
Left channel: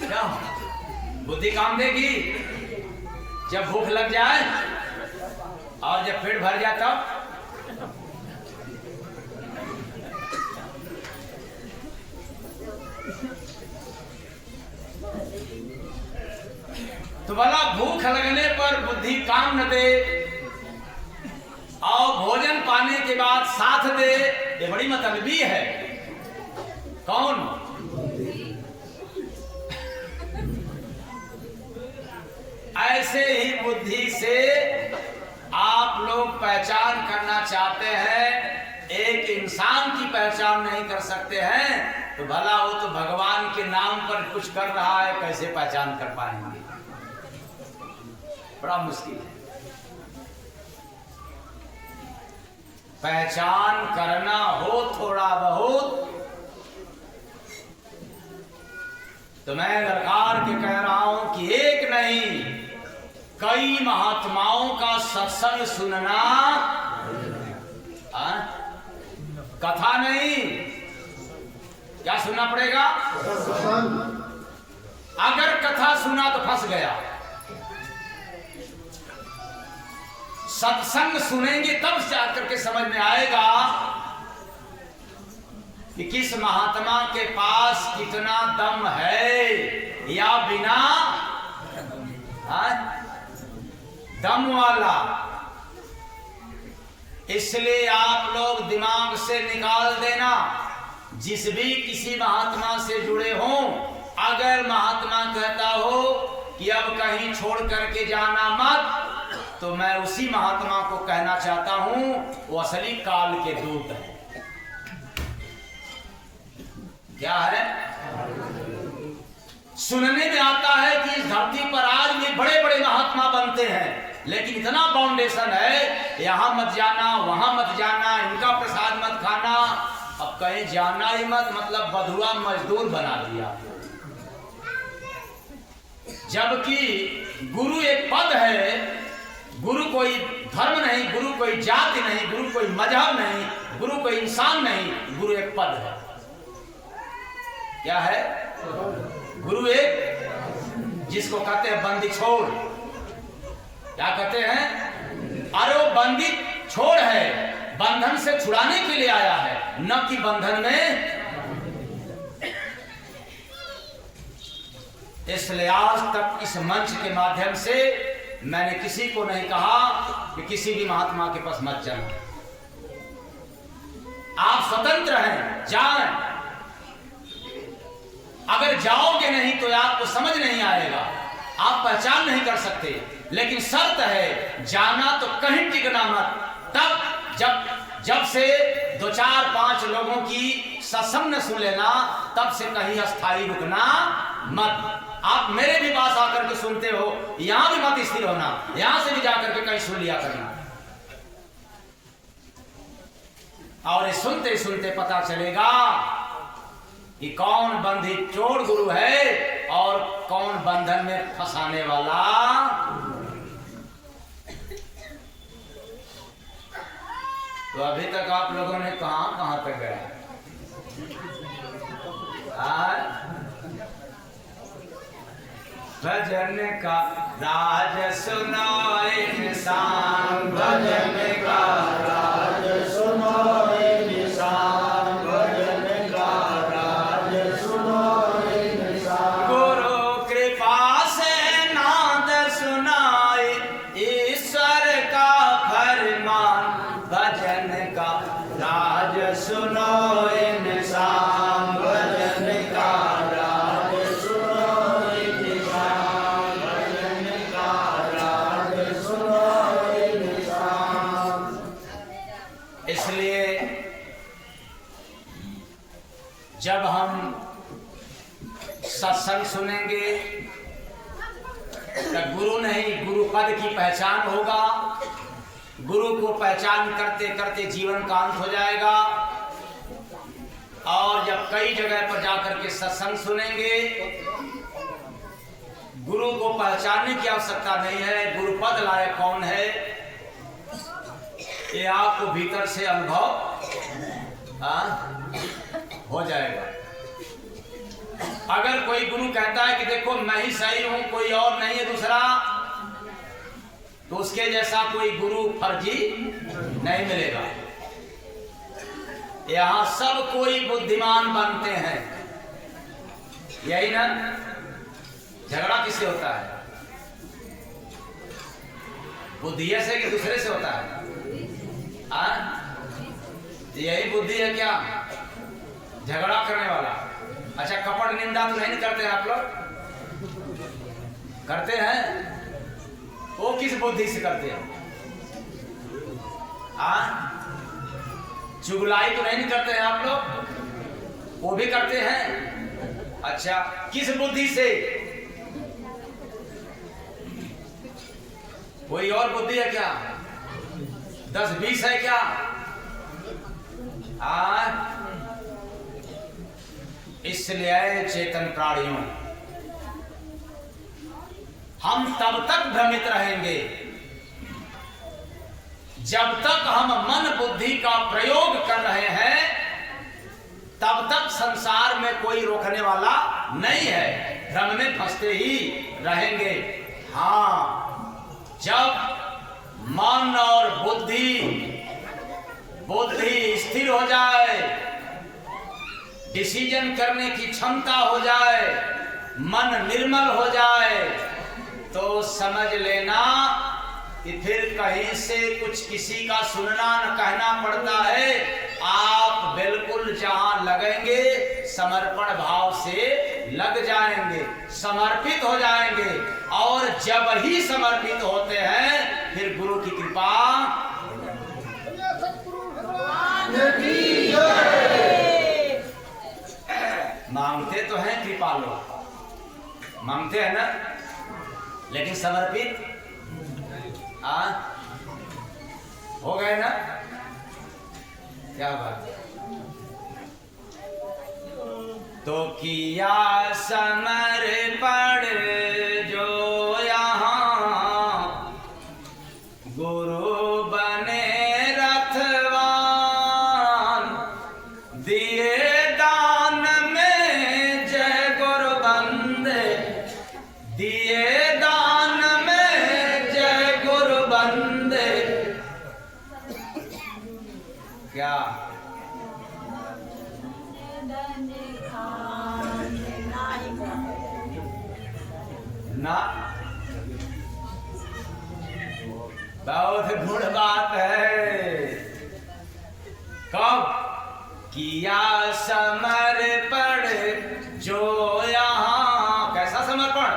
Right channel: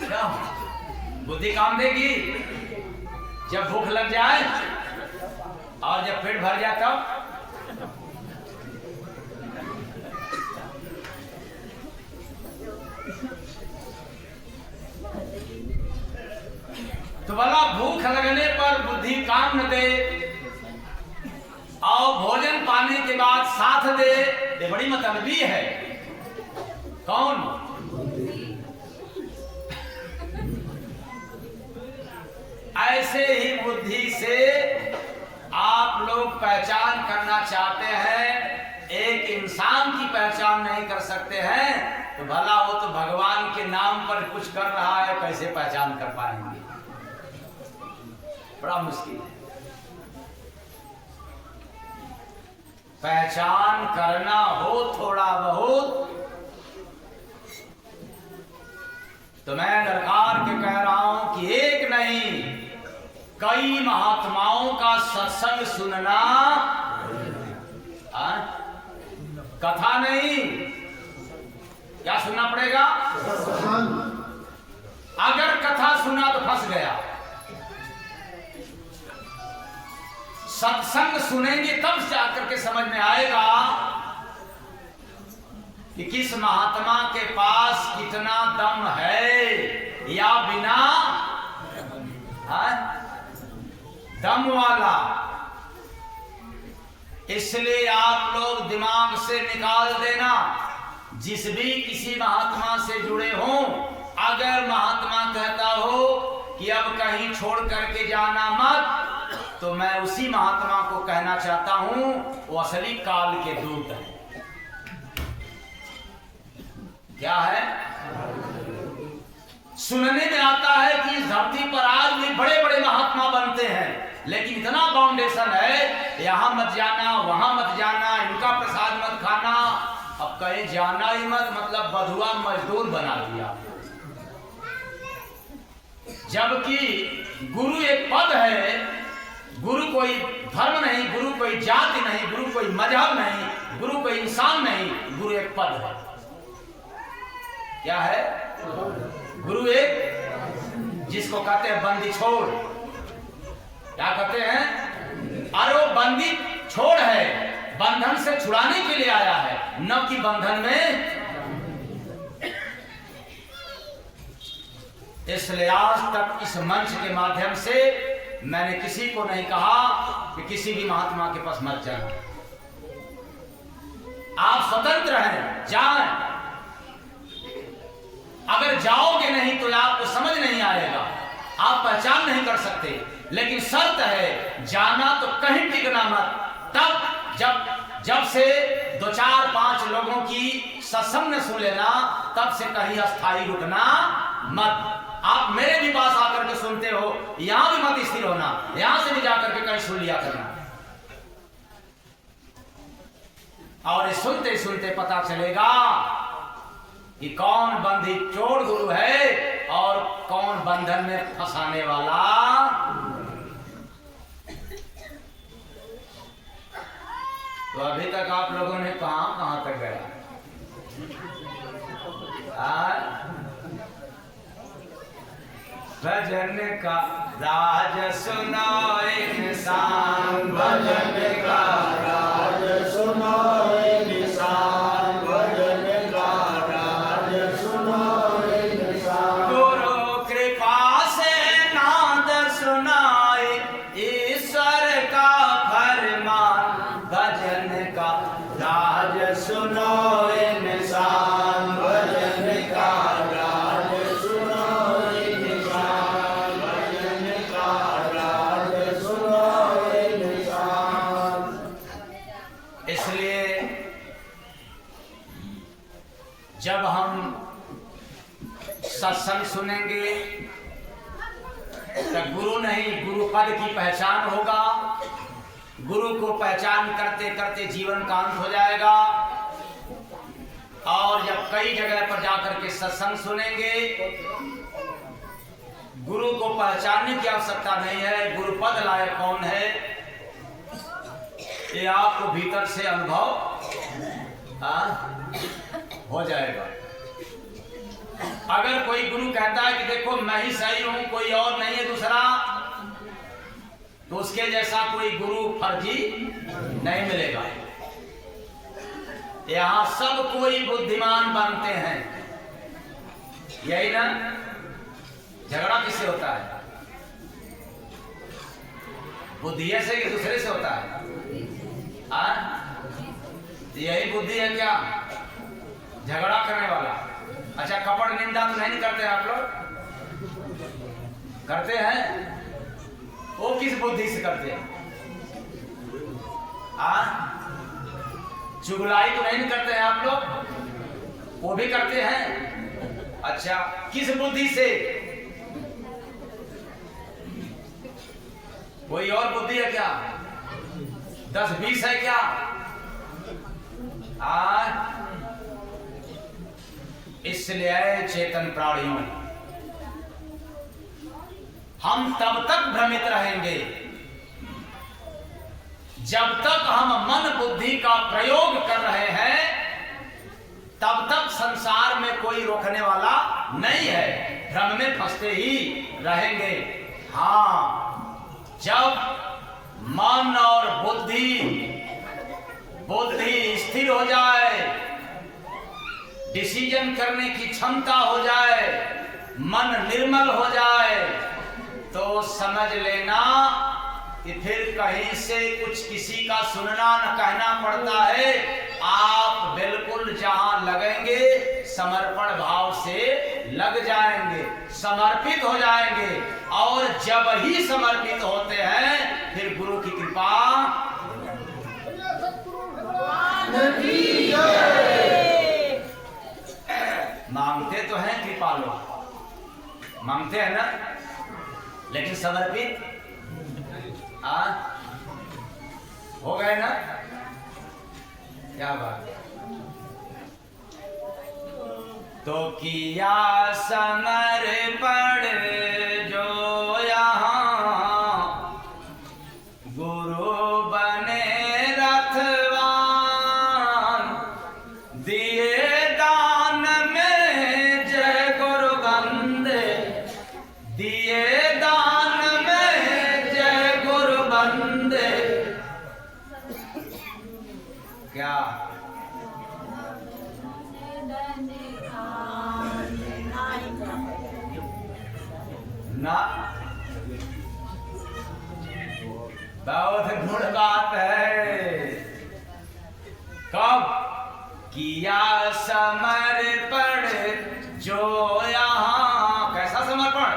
क्या बुद्धि काम देगी? जब भूख लग जाए और जब पेट भर जाए तब तो भला भूख लगने पर बुद्धि काम न दे और भोजन पाने के बाद साथ दे, ये बड़ी मतलबी है। कौन? ऐसे ही बुद्धि से आप लोग पहचान करना चाहते हैं, एक इंसान की पहचान नहीं कर सकते हैं, तो भला वो तो भगवान के नाम पर कुछ कर रहा है, कैसे पहचान कर पाएंगे? बड़ा मुश्किल है। पहचान करना हो थोड़ा बहुत तो मैं ललकार के कह रहा हूं कि एक नहीं कई महात्माओं का सत्संग सुनना, कथा नहीं, क्या सुनना पड़ेगा? अगर कथा सुना तो फंस गया। सत्संग सुनेंगे तब जाकर के समझ में आएगा कि किस महात्मा के पास कितना दम है या बिना दम वाला। इसलिए आप लोग दिमाग से निकाल देना, जिस भी किसी महात्मा से जुड़े हों, अगर महात्मा कहता हो कि अब कहीं छोड़ करके जाना मत, तो मैं उसी महात्मा को कहना चाहता हूं वो असली काल के दूत है। क्या है? सुनने में आता है कि इस धरती पर आज भी बड़े बड़े महात्मा बनते हैं, लेकिन इतना फाउंडेशन है, यहां मत जाना, वहां मत जाना, इनका प्रसाद मत खाना। अब कहीं जाना ही मत, मतलब बधुआ मजदूर बना दिया। जबकि गुरु एक पद है, गुरु कोई धर्म नहीं, गुरु कोई जाति नहीं, गुरु कोई मजहब नहीं, गुरु कोई इंसान नहीं, गुरु एक पद है। क्या है? गुरु एक, जिसको कहते हैं बंदी छोड़। क्या कहते हैं? अरे वो बंदी छोड़ है, बंधन से छुड़ाने के लिए आया है, न कि बंधन में। इसलिए आज तक इस मंच के माध्यम से मैंने किसी को नहीं कहा कि किसी भी महात्मा के पास मत जाना। आप स्वतंत्र हैं, जाएं। अगर जाओगे नहीं तो आपको समझ नहीं आएगा, आप पहचान नहीं कर सकते। लेकिन शर्त है, जाना तो कहीं टिकना मत। तब जब से 2-4-5 लोगों की सत्संग सुन लेना, तब से कहीं अस्थायी रुकना मत। आप मेरे भी पास आकर के सुनते हो, यहां भी मत स्थिर होना, यहां से भी जाकर के कहीं सुन लिया करना। और ये सुनते सुनते पता चलेगा कि कौन बंधी चोर गुरु है और कौन बंधन में फंसाने वाला। तो अभी तक आप लोगों ने कहां तक गया? भजन का राज सुनो इंसान, भजन का राज सुनो इंसान, भजन का राज सुनो इंसान। गुरु कृपा से नाद सुनाए ईश्वर का फरमान, भजन का राज सुनो इंसान, भजन का राज सुनो इंसान, भजन का राज सुनो इंसान। इसलिए जब हम सत्संग सुनेंगे तो गुरु नहीं, गुरु पद की पहचान होगा। गुरु को पहचान करते करते जीवन का अंत हो जाएगा। और जब कई जगह पर जाकर के सत्संग सुनेंगे, गुरु को पहचानने की आवश्यकता नहीं है। गुरु पद लायक कौन है ये आपको भीतर से अनुभव हो जाएगा। अगर कोई गुरु कहता है कि देखो मैं ही सही हूं, कोई और नहीं है दूसरा, तो उसके जैसा कोई गुरु फर्जी नहीं मिलेगा। यहां सब कोई बुद्धिमान बनते हैं, यही ना? झगड़ा किससे होता है? बुद्धि से कि दूसरे से होता है? यही बुद्धि है क्या झगड़ा करने वाला? अच्छा, कपट निंदा तो नहीं करते हैं आप लोग? करते हैं? वो किस बुद्धि से करते हैं? चुगलाई तो नहीं करते हैं आप लोग? वो भी करते हैं। अच्छा, किस बुद्धि से? कोई और बुद्धि है क्या? 10-20 है क्या? इसलिए चेतन प्राणियों, हम तब तक भ्रमित रहेंगे जब तक हम मन बुद्धि का प्रयोग कर रहे हैं, तब तक संसार में कोई रोकने वाला नहीं है। भ्रम में फंसते ही रहेंगे। हाँ, जब मन और बुद्धि स्थिर हो जाए, डिसीजन करने की क्षमता हो जाए, मन निर्मल हो जाए, तो समझ लेना कि फिर कहीं से कुछ किसी का सुनना न कहना पड़ता है। आप बिल्कुल जहां लगेंगे समर्पण भाव से लग जाएंगे, समर्पित हो जाएंगे। और जब ही समर्पित होते हैं, फिर गुरु की कृपा मांगते तो हैं, कृपा लोग मांगते हैं ना, लेकिन समर्पित हो गए ना? क्या बात है। तो किया समर्पण जो यहाँ गुरु बने रथवान, दिए दान में जय गुरु बंदे, दिए दान में जय गुरु बंदे। क्या ना? बहुत गुण बात है। कब किया समर्पण जो यहाँ, कैसा समर्पण?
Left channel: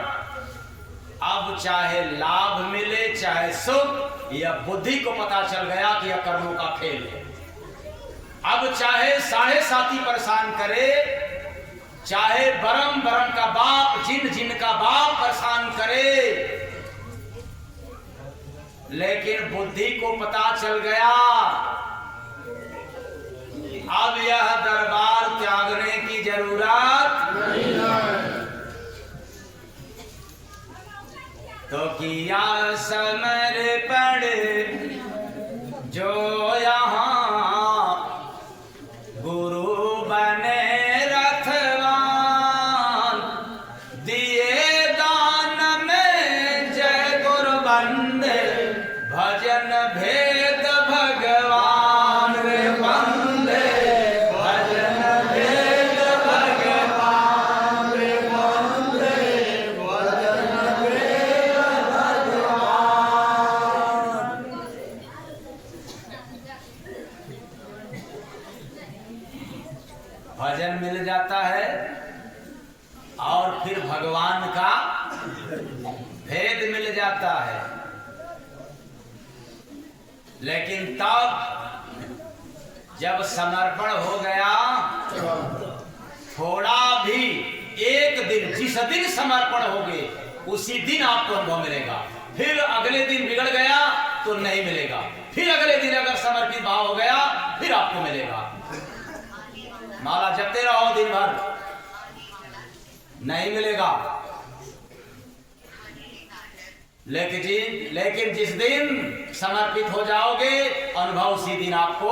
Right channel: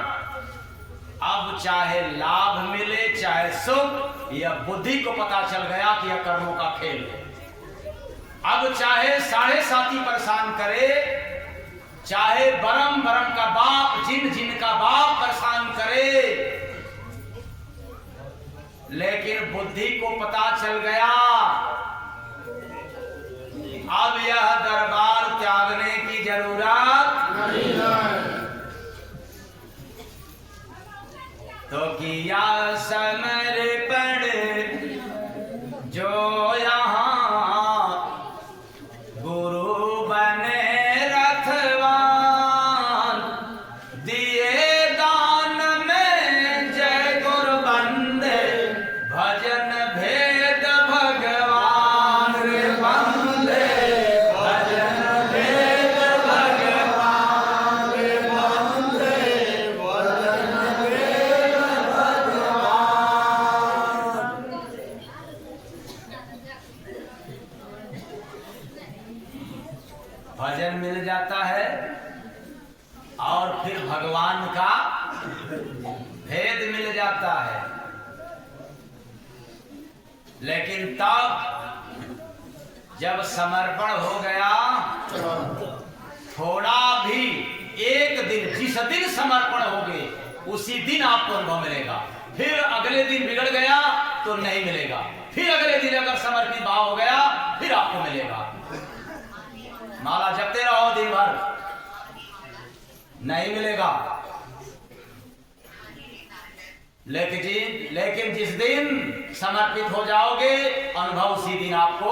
अब चाहे लाभ मिले चाहे सुख, यह बुद्धि को पता चल गया कि यह कर्मों का खेल है। अब चाहे साढ़े साथी परेशान करे, चाहे बरम का बाप जिन का बाप परेशान करे, लेकिन बुद्धि को पता चल गया अब यह दरबार त्यागने की जरूरत नहीं है। तो किया समर्पण जो यहाँ गुरु बने रथवान, दिए दान में जय गुरु बंदे, भजन भेद भगवान रे बंदे, भजन भेद भगवान रे बंदे, भजन भेद भगवान। भजन मिल जाता है और फिर भगवान का भेद मिल जाता है। लेकिन तब जब समर्पण हो गया, थोड़ा भी एक दिन, जिस दिन समर्पण हो गए उसी दिन आपको अनुभव मिलेगा। फिर अगले दिन बिगड़ गया तो नहीं मिलेगा, फिर अगले दिन अगर समर्पित भाव हो गया फिर आपको मिलेगा। माला जपते रहो दिन भर, नहीं मिलेगा। लेकिन जिस दिन समर्पित हो जाओगे, अनुभव उसी दिन आपको।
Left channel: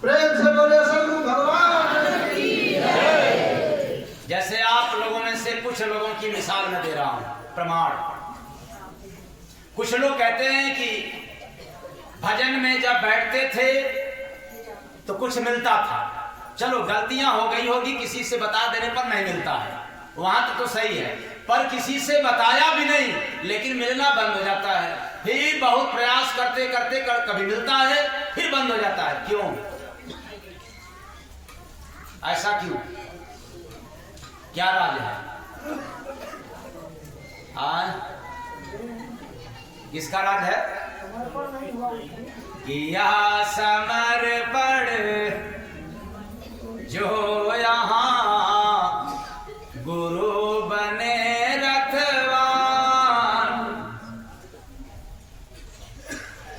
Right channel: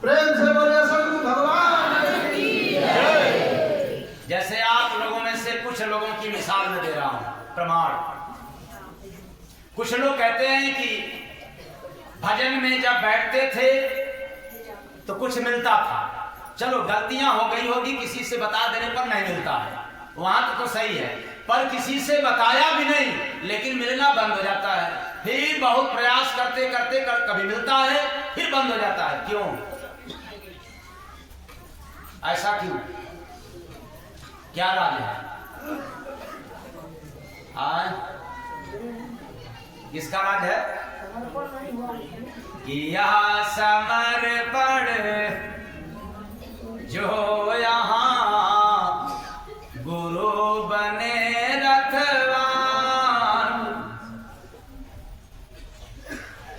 प्रेम से बोले सद्गुरु भगवान की जय। जैसे आप लोगों में से कुछ लोगों की मिसाल मैं दे रहा हूं, प्रमाण। कुछ लोग कहते हैं कि भजन में जब बैठते थे तो कुछ मिलता था। चलो गलतियां हो गई होगी, किसी से बता देने पर नहीं मिलता है, वहां तो सही है। पर किसी से बताया भी नहीं, लेकिन मिलना बंद हो जाता है। फिर बहुत प्रयास करते करते कभी मिलता है, फिर बंद हो जाता है। क्यों? ऐसा क्यों? क्या राज है? किसका राज है? यह समर्पण जो यहाँ गुरु बने रथवान।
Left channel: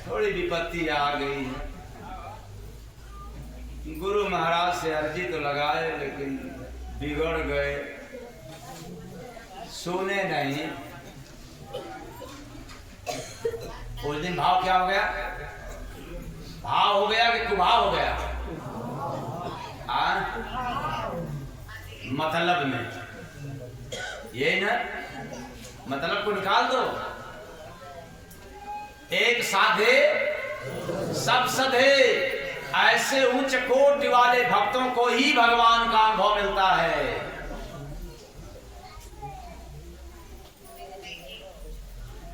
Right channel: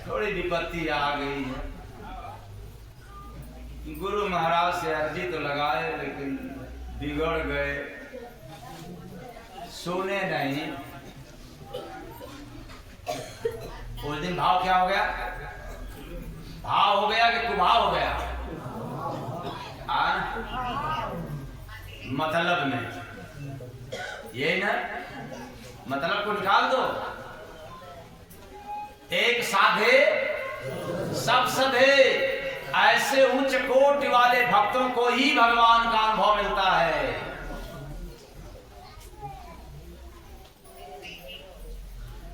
थोड़ी विपत्ति आ गई है, गुरु महाराज से अर्जी तो लगाए लेकिन बिगड़ गए, सुने नहीं। उस दिन भाव क्या हो गया? भाव हो गया कि कुभाव हो गया? मतलब में ये ना, मतलब को निकाल दो। एक साधे सब सधे, ऐसे उच्च कोटि वाले भक्तों को ही भगवान का अनुभव मिलता है।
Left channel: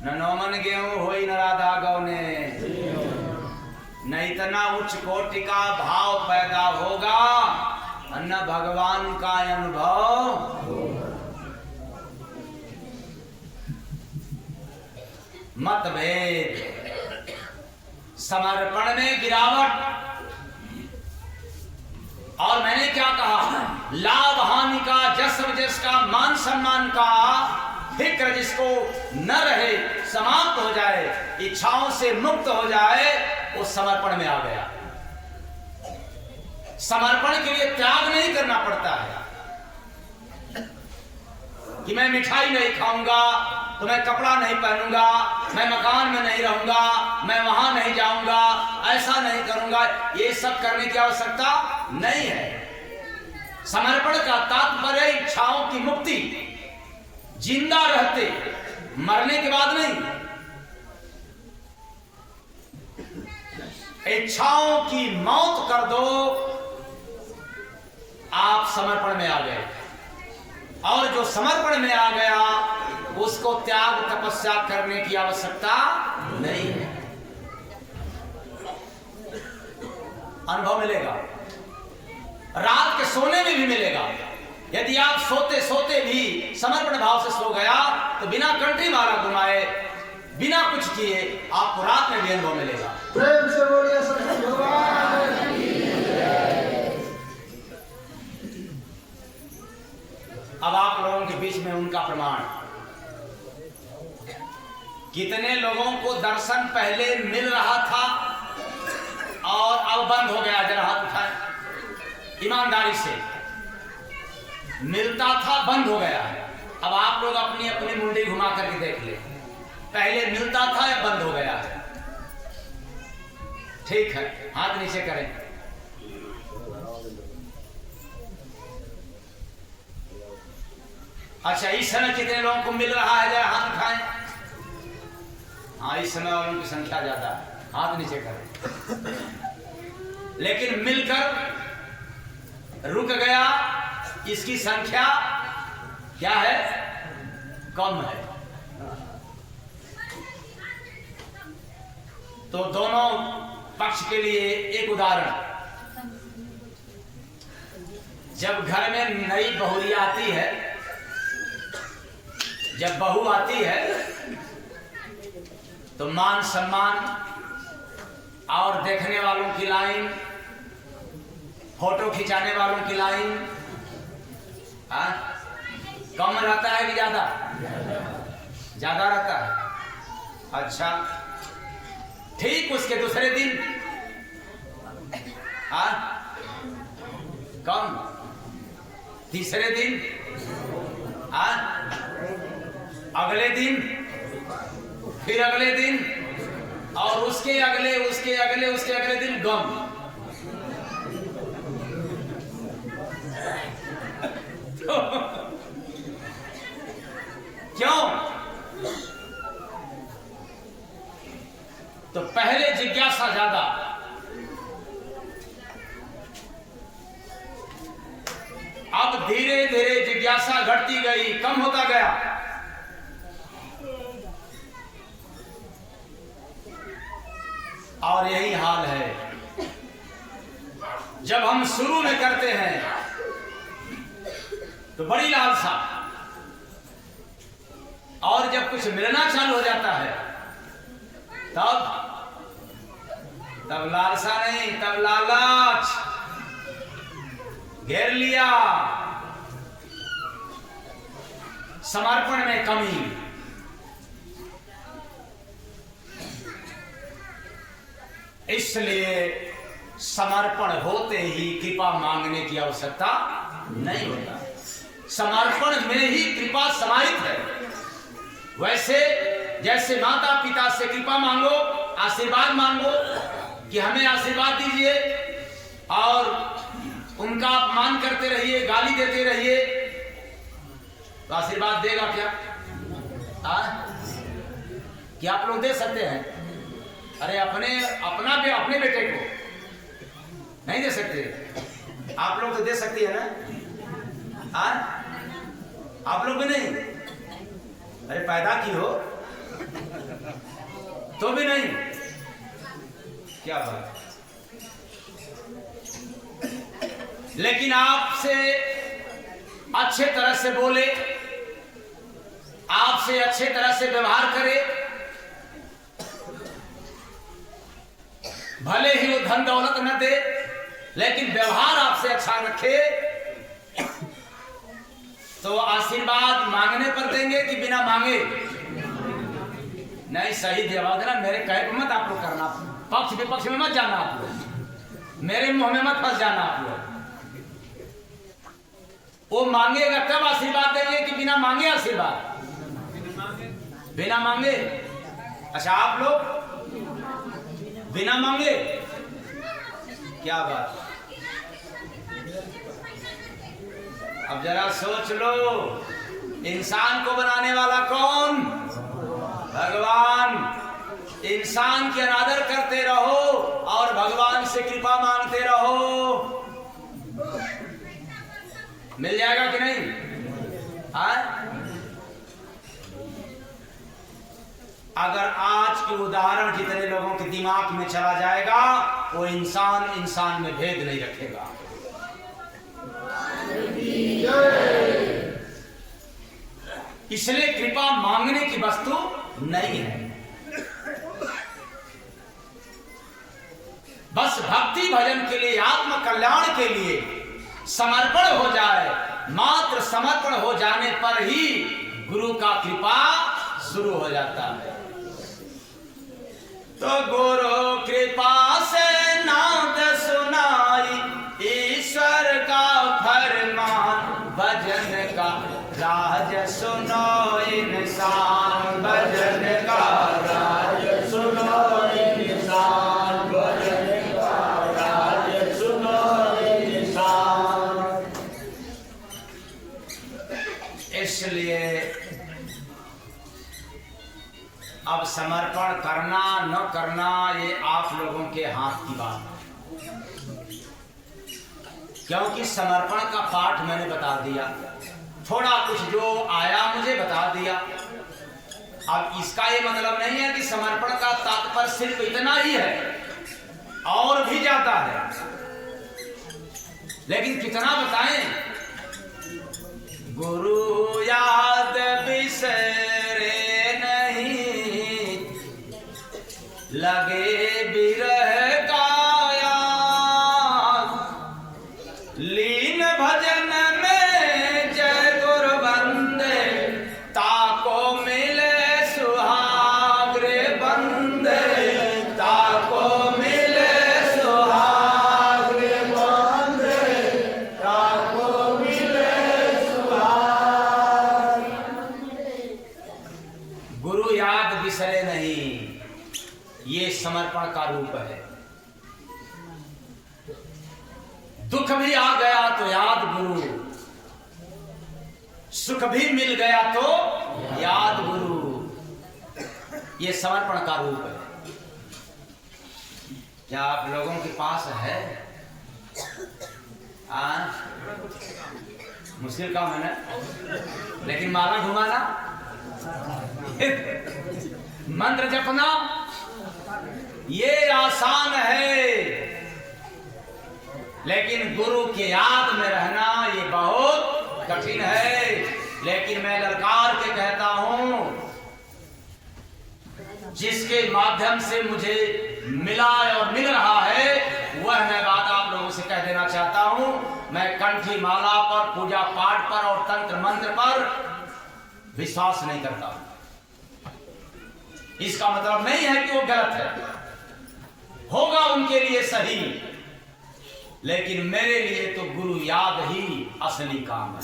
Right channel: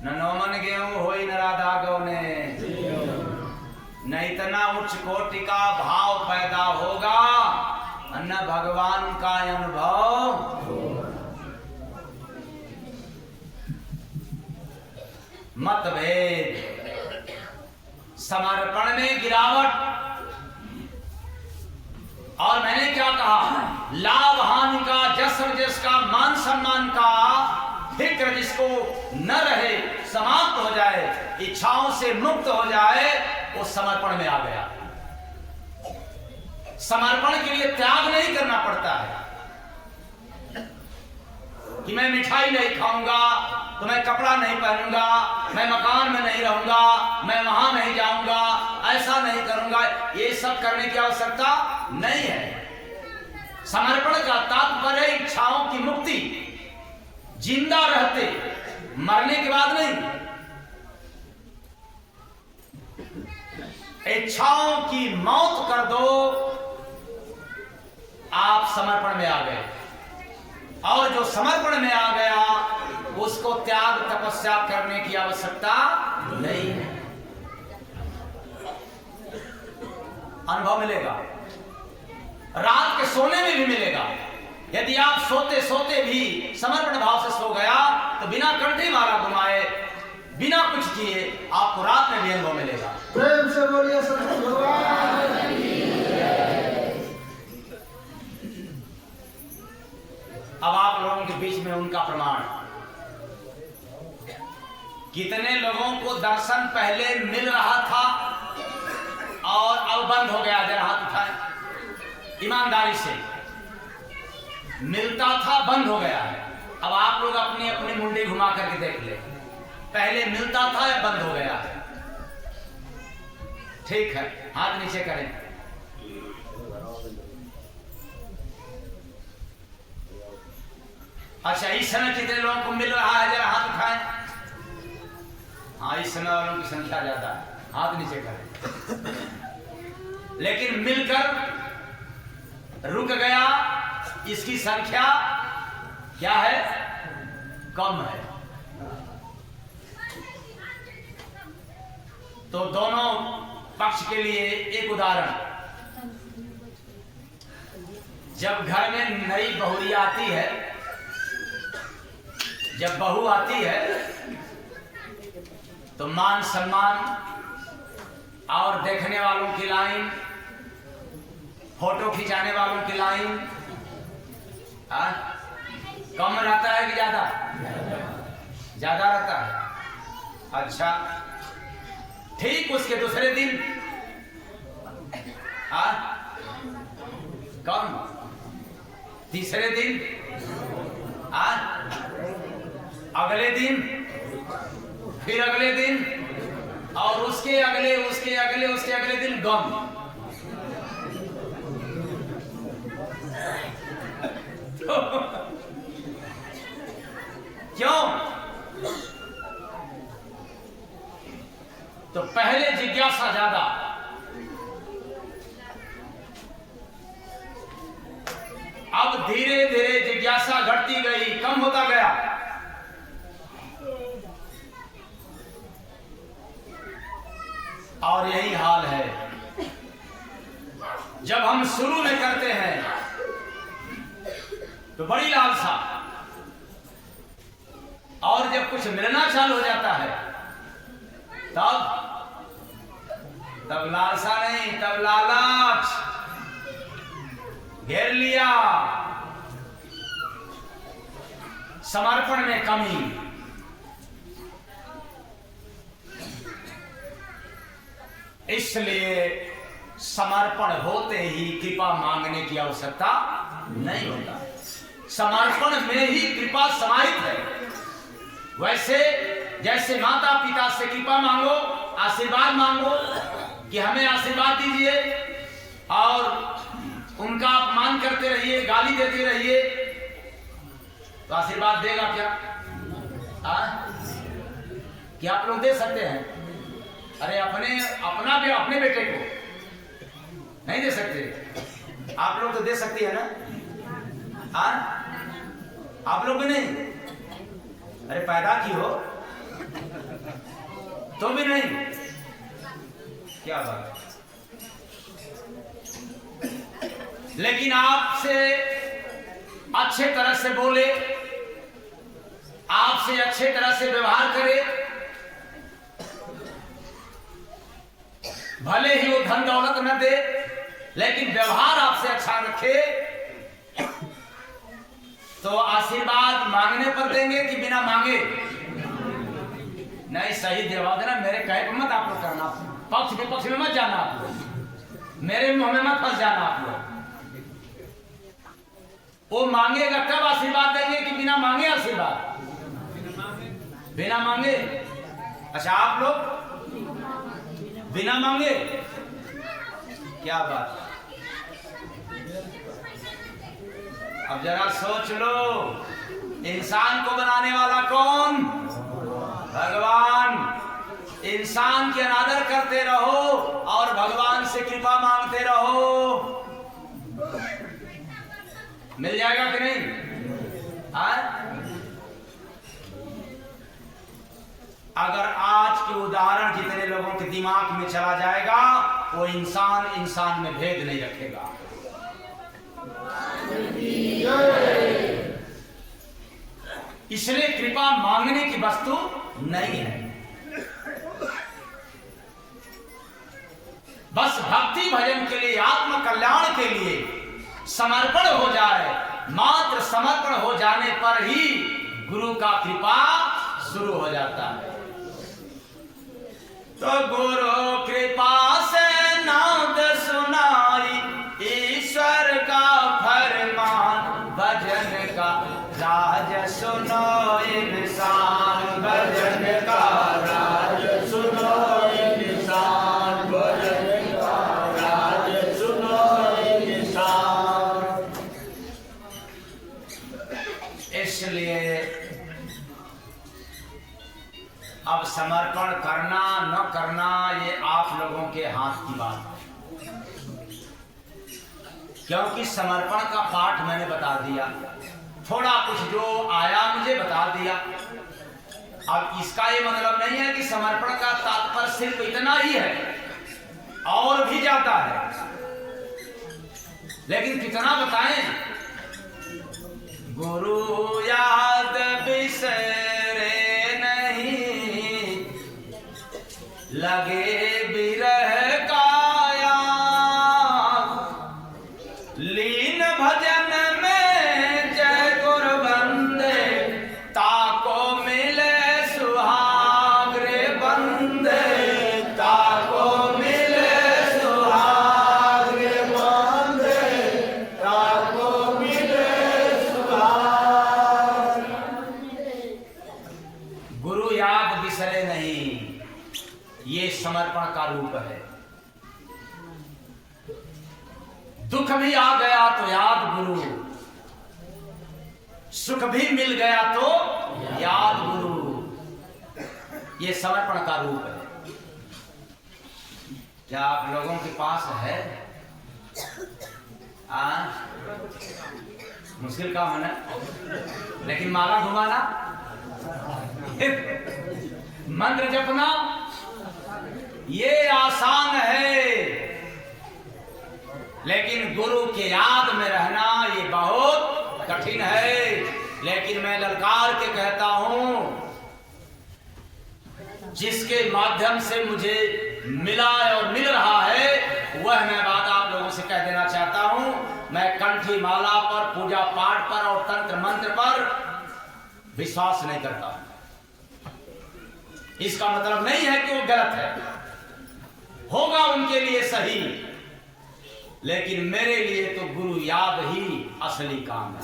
न नौमन गेहूं होई न राधा गौने, न इतना उच्च कोटि का भाव पैदा होगा, न भगवान का अनुभव। मतभेद, समर्पण में गिरावट। और मैंने क्या कहा? लाभ हानि का, जस वजस का, मान सम्मान का फिक्र जिसको न रहे, समाप्त हो जाए, इच्छाओं से मुक्त हो जाए, वो समर्पण में आ गया। समर्पण के लिए त्याग नहीं करना पड़ता है कि मैं मिठाई नहीं खाऊंगा तो मैं कपड़ा नहीं पहनूंगा, मैं मकान में नहीं रहूंगा, मैं वहां नहीं जाऊंगा, ऐसा नहीं करूंगा। ये सब करने की आवश्यकता नहीं है। समर्पण का तात्पर्य इच्छाओं की मुक्ति, जिंदा रहते, मरने के बाद नहीं। इच्छाओं की मौत कर दो, आप समर्पण में आ गए। और जो समर्पण में आ गया उसको त्याग तपस्या करने की आवश्यकता नहीं है। अनुभव मिलेगा, रात के सोने में भी मिलेगा। यदि आप सोते सोते भी समर्पण भाव से सो गया तो बिना कंठी मारा घुमाए, बिना कुछ किए आपको रात में भी अनुभव मिलेगा। प्रेम से बोलिए सद्गुरु भगवान की जय। अब आप लोगों के बीच में उनका प्रमाण। कितने लोगों को दर्शन पहले मिल रहा था और अब बंद हो गया, जरा हाथ उठाए ईमानदारी से। मिलता था, बंद हो गया है। अब आप लोग अपनी अपनी मुंडी घुमा करके देख ले, पहले मिलता था या बंद हो गया है? ठीक है, हाथ नीचे करें। अच्छा, इस समय कितने लोगों को मिल रहा है, जरा हाथ उठाएं। हाँ, इस समय वालों की संख्या ज्यादा है, हाथ नीचे करें। लेकिन मिलकर रुक गया, इसकी संख्या क्या है? कम है। तो दोनों पक्ष के लिए एक उदाहरण, जब घर में नई बहुरिया आती है, जब बहू आती है तो मान सम्मान और देखने वालों की लाइन, फोटो खिंचाने वालों की लाइन कम रहता है कि ज्यादा? ज्यादा रहता है। अच्छा, ठीक उसके दूसरे दिन कम, तीसरे दिन अगले दिन, फिर अगले दिन, और उसके अगले उसके अगले उसके अगले दिन गम। तो क्यों? तो पहले जिज्ञासा ज्यादा, अब धीरे धीरे जिज्ञासा घटती गई, कम होता गया। और यही हाल है जब हम शुरू में करते हैं तो बड़ी लालसा, और जब कुछ मिलना चालू हो जाता है तब लालसा नहीं, तब लालच घेर लिया, समर्पण में कमी। इसलिए समर्पण होते ही कृपा मांगने की आवश्यकता नहीं होता, समर्पण में ही कृपा समाहित है। वैसे जैसे माता पिता से कृपा मांगो, आशीर्वाद मांगो कि हमें आशीर्वाद दीजिए, और उनका अपमान करते रहिए, गाली देते रहिए, तो आशीर्वाद देगा क्या? क्या आप लोग दे सकते हैं? अरे अपने बेटे को नहीं दे सकते, आप लोग तो दे सकती है ना? आप लोग भी नहीं? अरे पैदा की हो तो भी नहीं, क्या बात। लेकिन आपसे अच्छे तरह से बोले, आपसे अच्छे तरह से व्यवहार करे, भले ही वो धन दौलत न दे, लेकिन व्यवहार आपसे अच्छा रखे, तो आशीर्वाद मांगने पर देंगे कि बिना मांगे? नहीं, सही जवाब देना, मेरे कहे पर मत आप लोग करना, पक्ष विपक्ष में मत जाना आप लोग, मेरे मुंह में मत फंस जाना आप लोग। वो मांगेगा तब आशीर्वाद देंगे कि बिना मांगे आशीर्वाद? बिना मांगे। अच्छा, आप लोग बिना मांगे? क्या बात। अब जरा सोच लो, इंसान को बनाने वाला कौन? भगवान। इंसान की अनादर करते रहो और भगवान से कृपा मांगते रहो, मिल जाएगा कि नहीं? अगर आज के उदाहरण जितने लोगों के दिमाग में चला जाएगा, वो इंसान में भेद नहीं रखेगा। इसलिए कृपा मांगने की वस्तु नहीं है, बस भक्ति भजन के लिए, आत्म कल्याण के लिए समर्पण हो जाए। मात्र समर्पण हो जाने पर ही गुरु का कृपा शुरू हो जाता है। तो गुरु कृपा से ना सुनो इंसान भजन का राज सुनो इंसान भजन का राज सुनो इंसान। इसलिए अब समर्पण करना न करना ये आप लोगों के हाथ की बात है, क्योंकि समर्पण का पाठ मैंने बता दिया, थोड़ा कुछ जो आया मुझे बता दिया। अब इसका ये मतलब नहीं है कि समर्पण का तात्पर्य सिर्फ इतना ही है, और भी ज्यादा है, लेकिन कितना बताएं। गुरु याद बिसरे नहीं, लगे बिरह काया, लीन भजन में जय गुर बंदे, ताको मिले सुहाग रे बंदे, ताको मिले सुहाग रे बंदे, ताको मिले सुहाग। गुरु याद बिसरे नहीं, ये समर्पण का रूप है। दुख भी आ गया तो याद गुरु, सुख भी मिल गया तो याद गुरु, ये समर्पण का रूप है। क्या आप लोगों के पास है? मुश्किल काम है ना, लेकिन माला घुमाना, मंत्र जपना ये आसान है, लेकिन गुरु के याद में रहना ये बहुत कठिन है। लेकिन मैं ललकार के कहता हूं, जिसके माध्यम से मुझे मिला और मिल रहा है, वह मैं बात आप लोगों से कह देना चाहता हूं। मैं कंठी माला पर, पूजा पाठ पर और तंत्र मंत्र पर विश्वास नहीं करता। इसका मतलब नहीं है कि वो गलत है, होगा उनके लिए सही, लेकिन मेरे लिए तो गुरु याद ही असली काम है।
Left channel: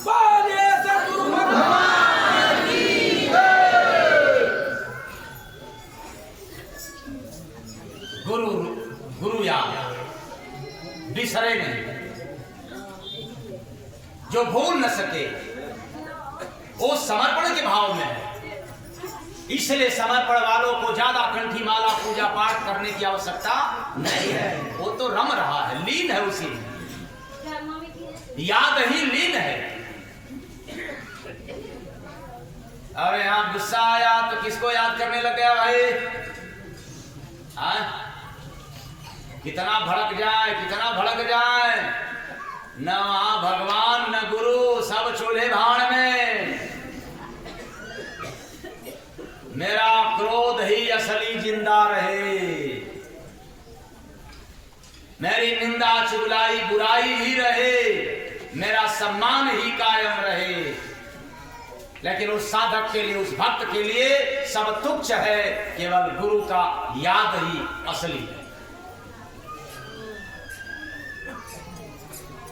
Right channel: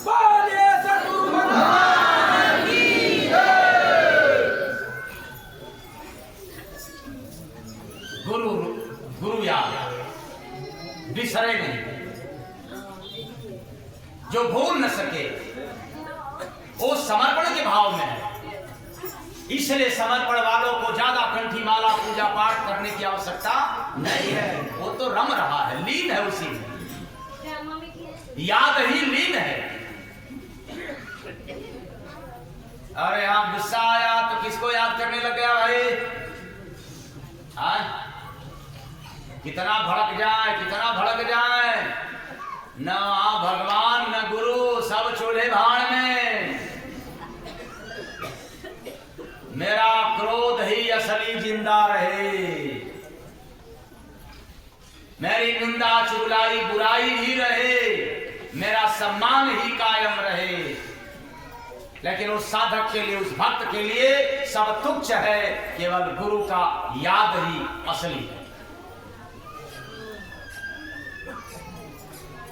गुरु याद बिसरे नहीं, जो भूल न सके, वो समर्पण के भाव में है। इसलिए समर्पण वालों को ज्यादा कंठी माला पूजा पाठ करने की आवश्यकता नहीं है, वो तो रम रहा है, लीन है उसी में, याद ही लीन है। अरे यहां गुस्सा आया तो किसको याद करने लग गया भाई? कितना भड़क जाए, कितना भड़क जाए, न वहां भगवान न गुरु, सब चूल्हे भाण में। मेरा क्रोध ही असली जिंदा रहे, मेरी निंदा चुगलाई बुराई ही रहे, मेरा सम्मान ही कायम रहे। लेकिन उस साधक के लिए, उस भक्त के लिए सब तुच्छ है, केवल गुरु का याद ही असली है।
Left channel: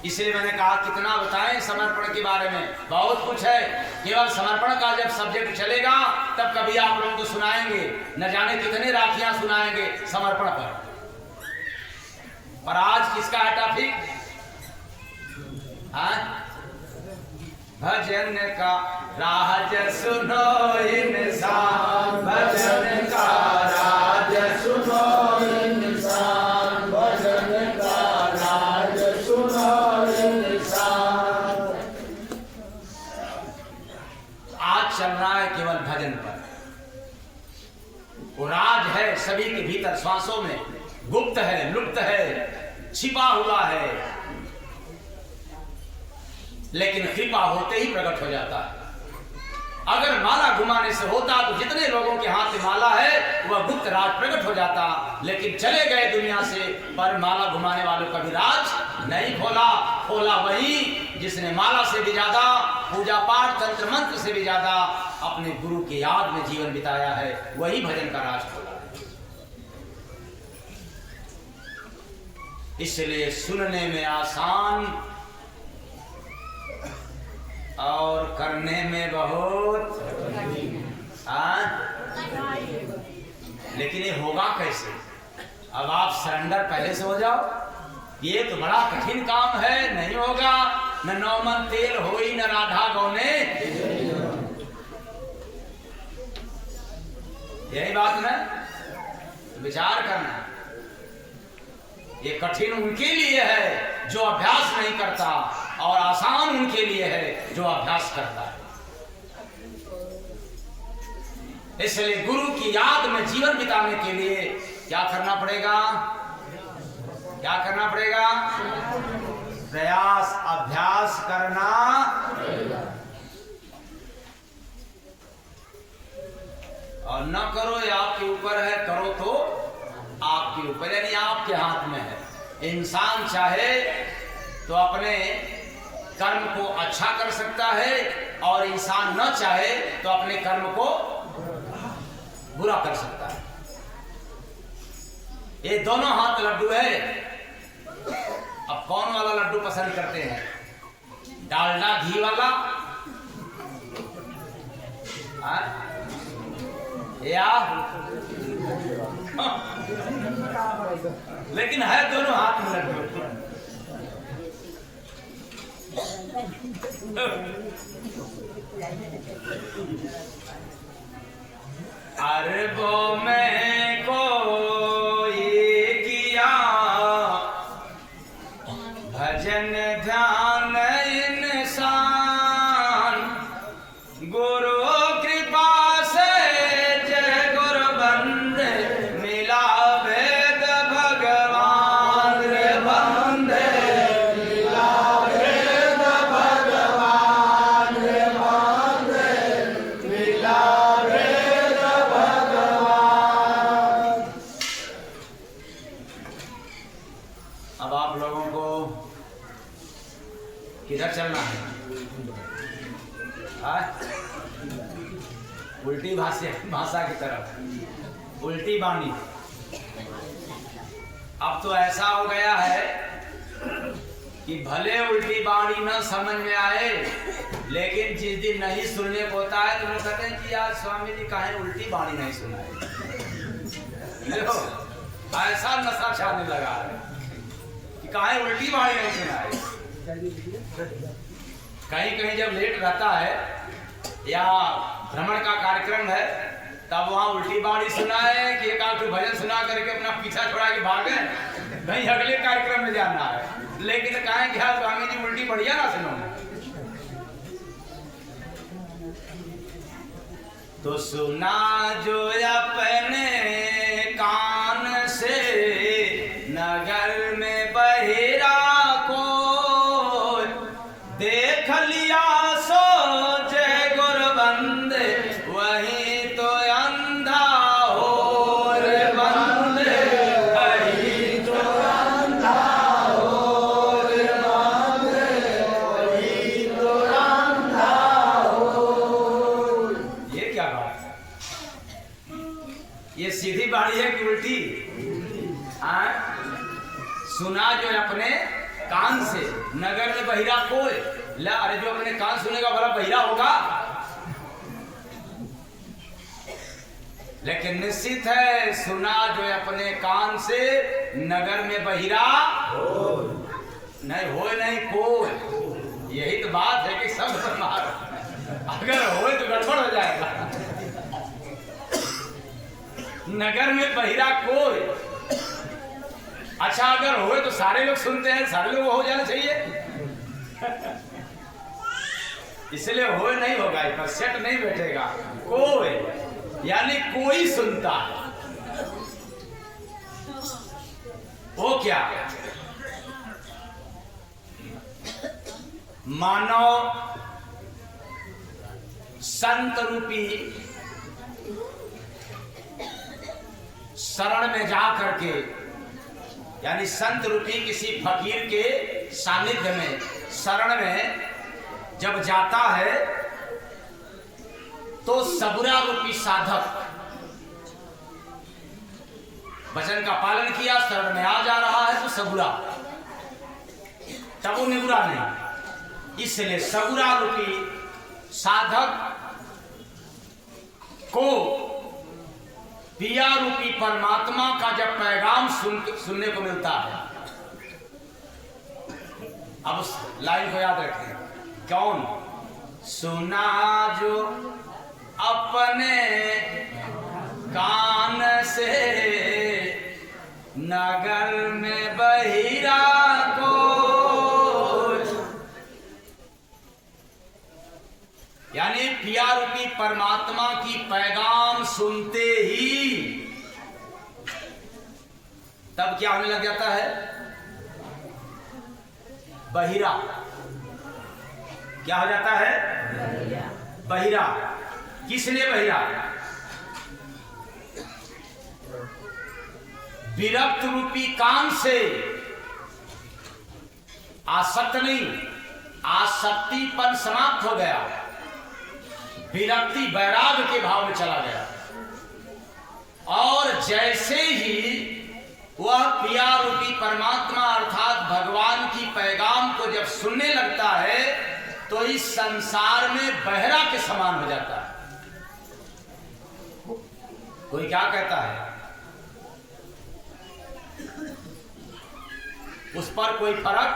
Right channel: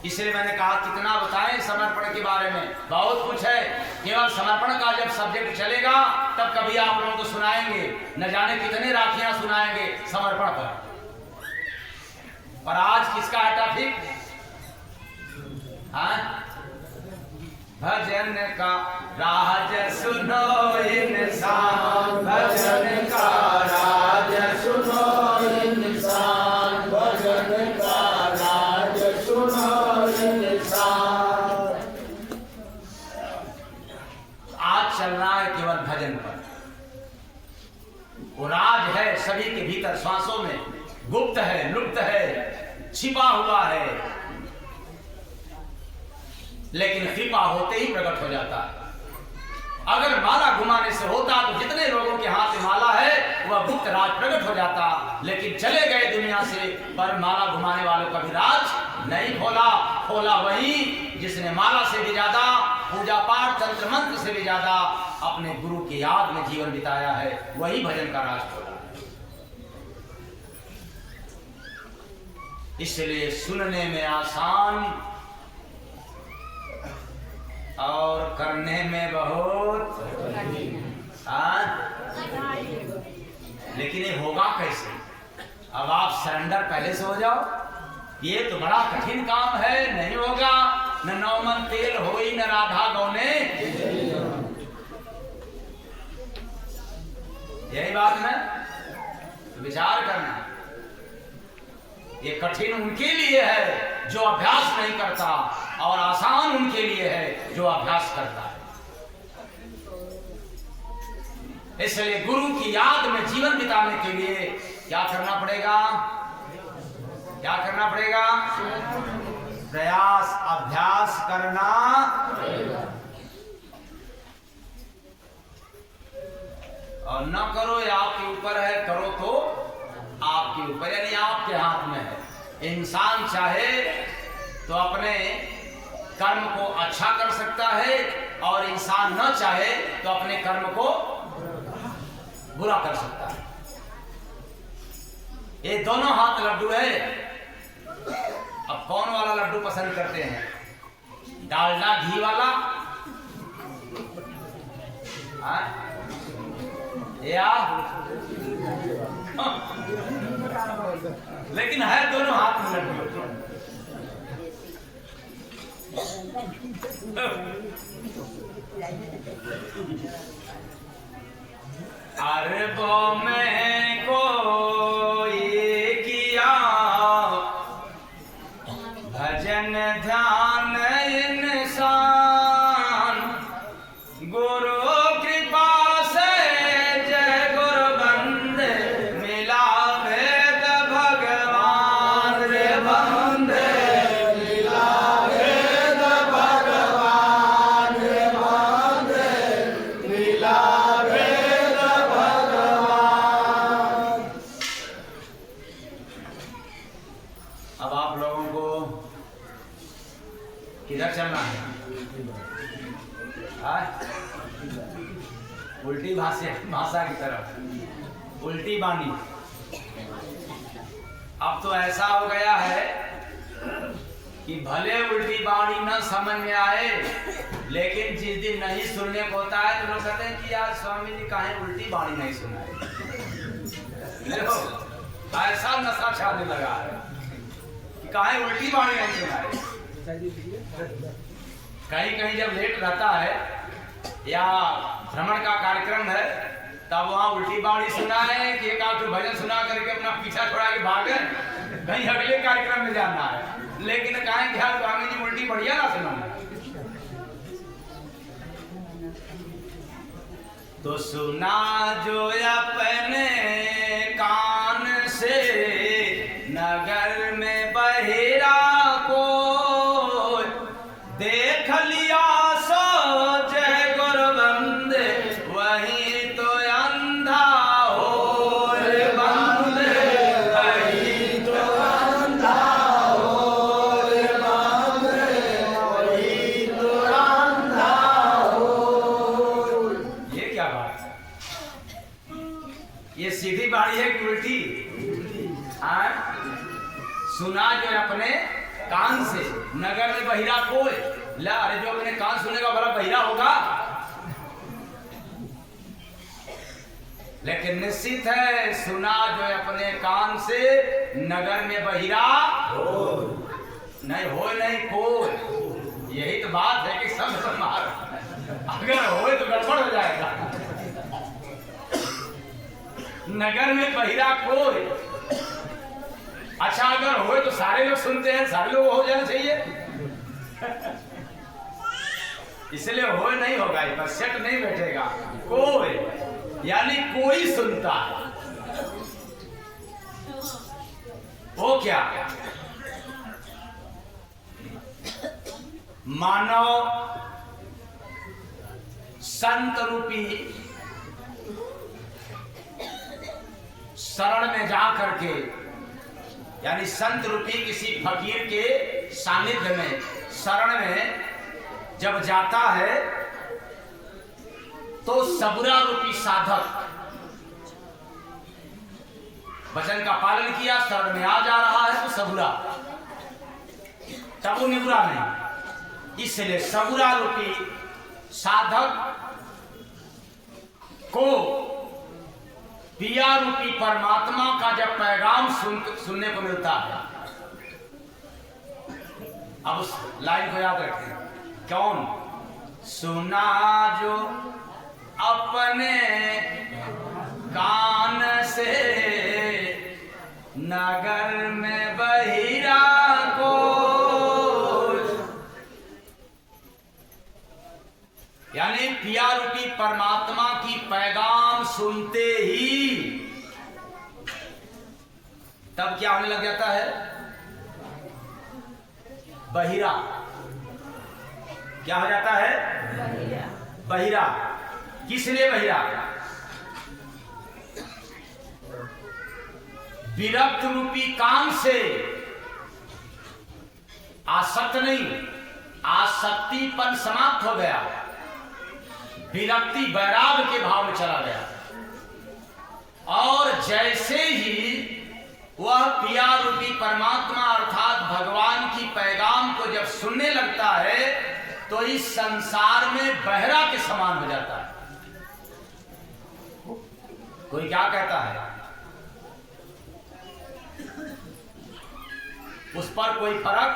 इसलिए मैंने कहा कितना बताएं समर्पण के बारे में, बहुत कुछ है। केवल समर्पण का जब सब्जेक्ट चलेगा तब कभी आप लोगों को सुनाएंगे, न जाने कितने राखियां सुनाएंगे समर्पण पर आज किसका है टॉपिक? भजन का राज सुनो इंसान, भजन का राज सुनो इंसान, भजन का राज सुनो इंसान। आज चल रहा है केवल भजन पर, वो राज है सभी के भीतर, श्वासों में गुप्त है, लुप्त है, छिपा हुआ है, लेकिन कृपा होते ही प्रकट हो जाता है। अगर माला घुमाने से होता तो जितने लोगों के हाथ में माला है वह गुप्त राज प्रकट हो जाता, लेकिन चले गए दुनिया से, पर माला घुमाने वालों का भी राज नहीं खोला। खोला वही जिसने माला से भी ज्यादा, पूजा पाठ तंत्र मंत्र से भी ज्यादा अपने गुरु के याद में जीवन बिताया है, वही भजन का राज खोला है। इसलिए सुनने में आसान और करने में बहुत लेकिन ये होगा कैसे? अब आप सरेंडर पहले से हो जाओ। ये तो बड़ा कठिन काम है, नहीं होगा। न 9 मन तेल होई न राधा गौने, यही बात ना, तो विचार करना। ये कठिन उनके लिए है जो अभ्यास नहीं करता, और आसान उनके लिए है जो अभ्यास करता है। इसलिए गुरु की याद में जीवन बिताने के लिए क्या करना पड़ेगा? क्या करना पड़ेगा? प्रयास, अभ्यास करना। और न करो ये आपके ऊपर है, करो तो आपके ऊपर, यानी आपके हाथ में है। इंसान चाहे तो अपने कर्म को अच्छा कर सकता है, और इंसान न चाहे तो अपने कर्म को बुरा कर सकता है। ये दोनों हाथ लड्डू है। अब कौन वाला लड्डू पसंद करते हैं? डालडा घी वाला या लेकिन है दोनों हाथ में लड्डू। अरबों में को ये किया भजन ध्यान इंसान, गुरु कृपा से जय गुरु बंदे मिला वेद भगवान रे बंदे मिला वेद भगवान रे बंदे मिला वेद भगवान। अब आप लोगों को किधर चलना है? उल्टी भाषा की तरफ, उल्टी बानी। अब तो ऐसा हो गया है कि भले उल्टी बानी न समझ में आए, लेकिन जिस दिन नहीं सुनने को होता है तो लोग कहते हैं कि यार स्वामी जी काहे उल्टी बानी नहीं सुनाए। ऐसा नशा छाने लगा है कि काहे उल्टी बानी नहीं सुनाए। कहीं कहीं जब लेट रहता है या भ्रमण का कार्यक्रम है, तब वहाँ उल्टी बाणी सुनाए कि एक आध भजन सुना करके अपना पीछा छोड़ा के भागे, कहीं अगले कार्यक्रम में जाना है। लेकिन कहें कि यार स्वामी जी उल्टी बढ़िया ना सुनो, तो सुना जो अपने कान से नगर में बहिरा को देख लिया सो जय गुरु बंदे, वही तो अंधा हो रे बंदे, वही तो अंधा हो रे बंदे, वही तो अंधा हो। ये क्या बात है? ये सीधी बाणी है कि उल्टी? सुना जो अपने कान से नगर में बहिरा कोई ला, अरे जो अपने कान सुनेगा भला बहिरा होगा? लेकिन निश्चित है सुना जो अपने कान से नगर में बहिरा नहीं होए नहीं कोई। यही तो बात है कि सब मार, अगर होए तो गड़बड़ हो जाएगा। नगर में बहिरा कोई, अच्छा अगर होए तो सारे लोग सुनते हैं, सारे लोग हो जाना चाहिए। इसलिए होए नहीं होगा, इस पर सेट नहीं बैठेगा। कोई यानी कोई सुनता है, वो क्या? मानव संत रूपी शरण में जा करके, यानी संत रूपी किसी फकीर के सानिध्य में, शरण में जब जाता है तो सबुरा रूपी साधक वचन का पालन किया, शरण में आ जा रहा है तो सबुरा, तब वो निबुरा नहीं। इसलिए सगुरा रूपी साधक को पिया रूपी परमात्मा का जब पैगाम सुनने को मिलता है, अब उस लाइन को याद रखें, कौन सुना जो अपने कान से नगर में बहिरा को, यानी पिया रूपी परमात्मा की पैगाम सुनते ही तब क्या होने लग जाता है, बहिरा। क्या हो जाता है, बहिरा। किस लिए बहिरा? विरक्त रूपी कान से आसक्त नहीं, आसक्तिपन समाप्त हो गया, विरक्ति वैराग के भाव में चला गया। और जैसे ही वह पिया रूपी परमात्मा अर्थात भगवान की पैगाम को जब सुनने लगता है तो इस संसार में बहरा के समान हो जाता है। कोई क्या कहता है, उस पर कोई फर्क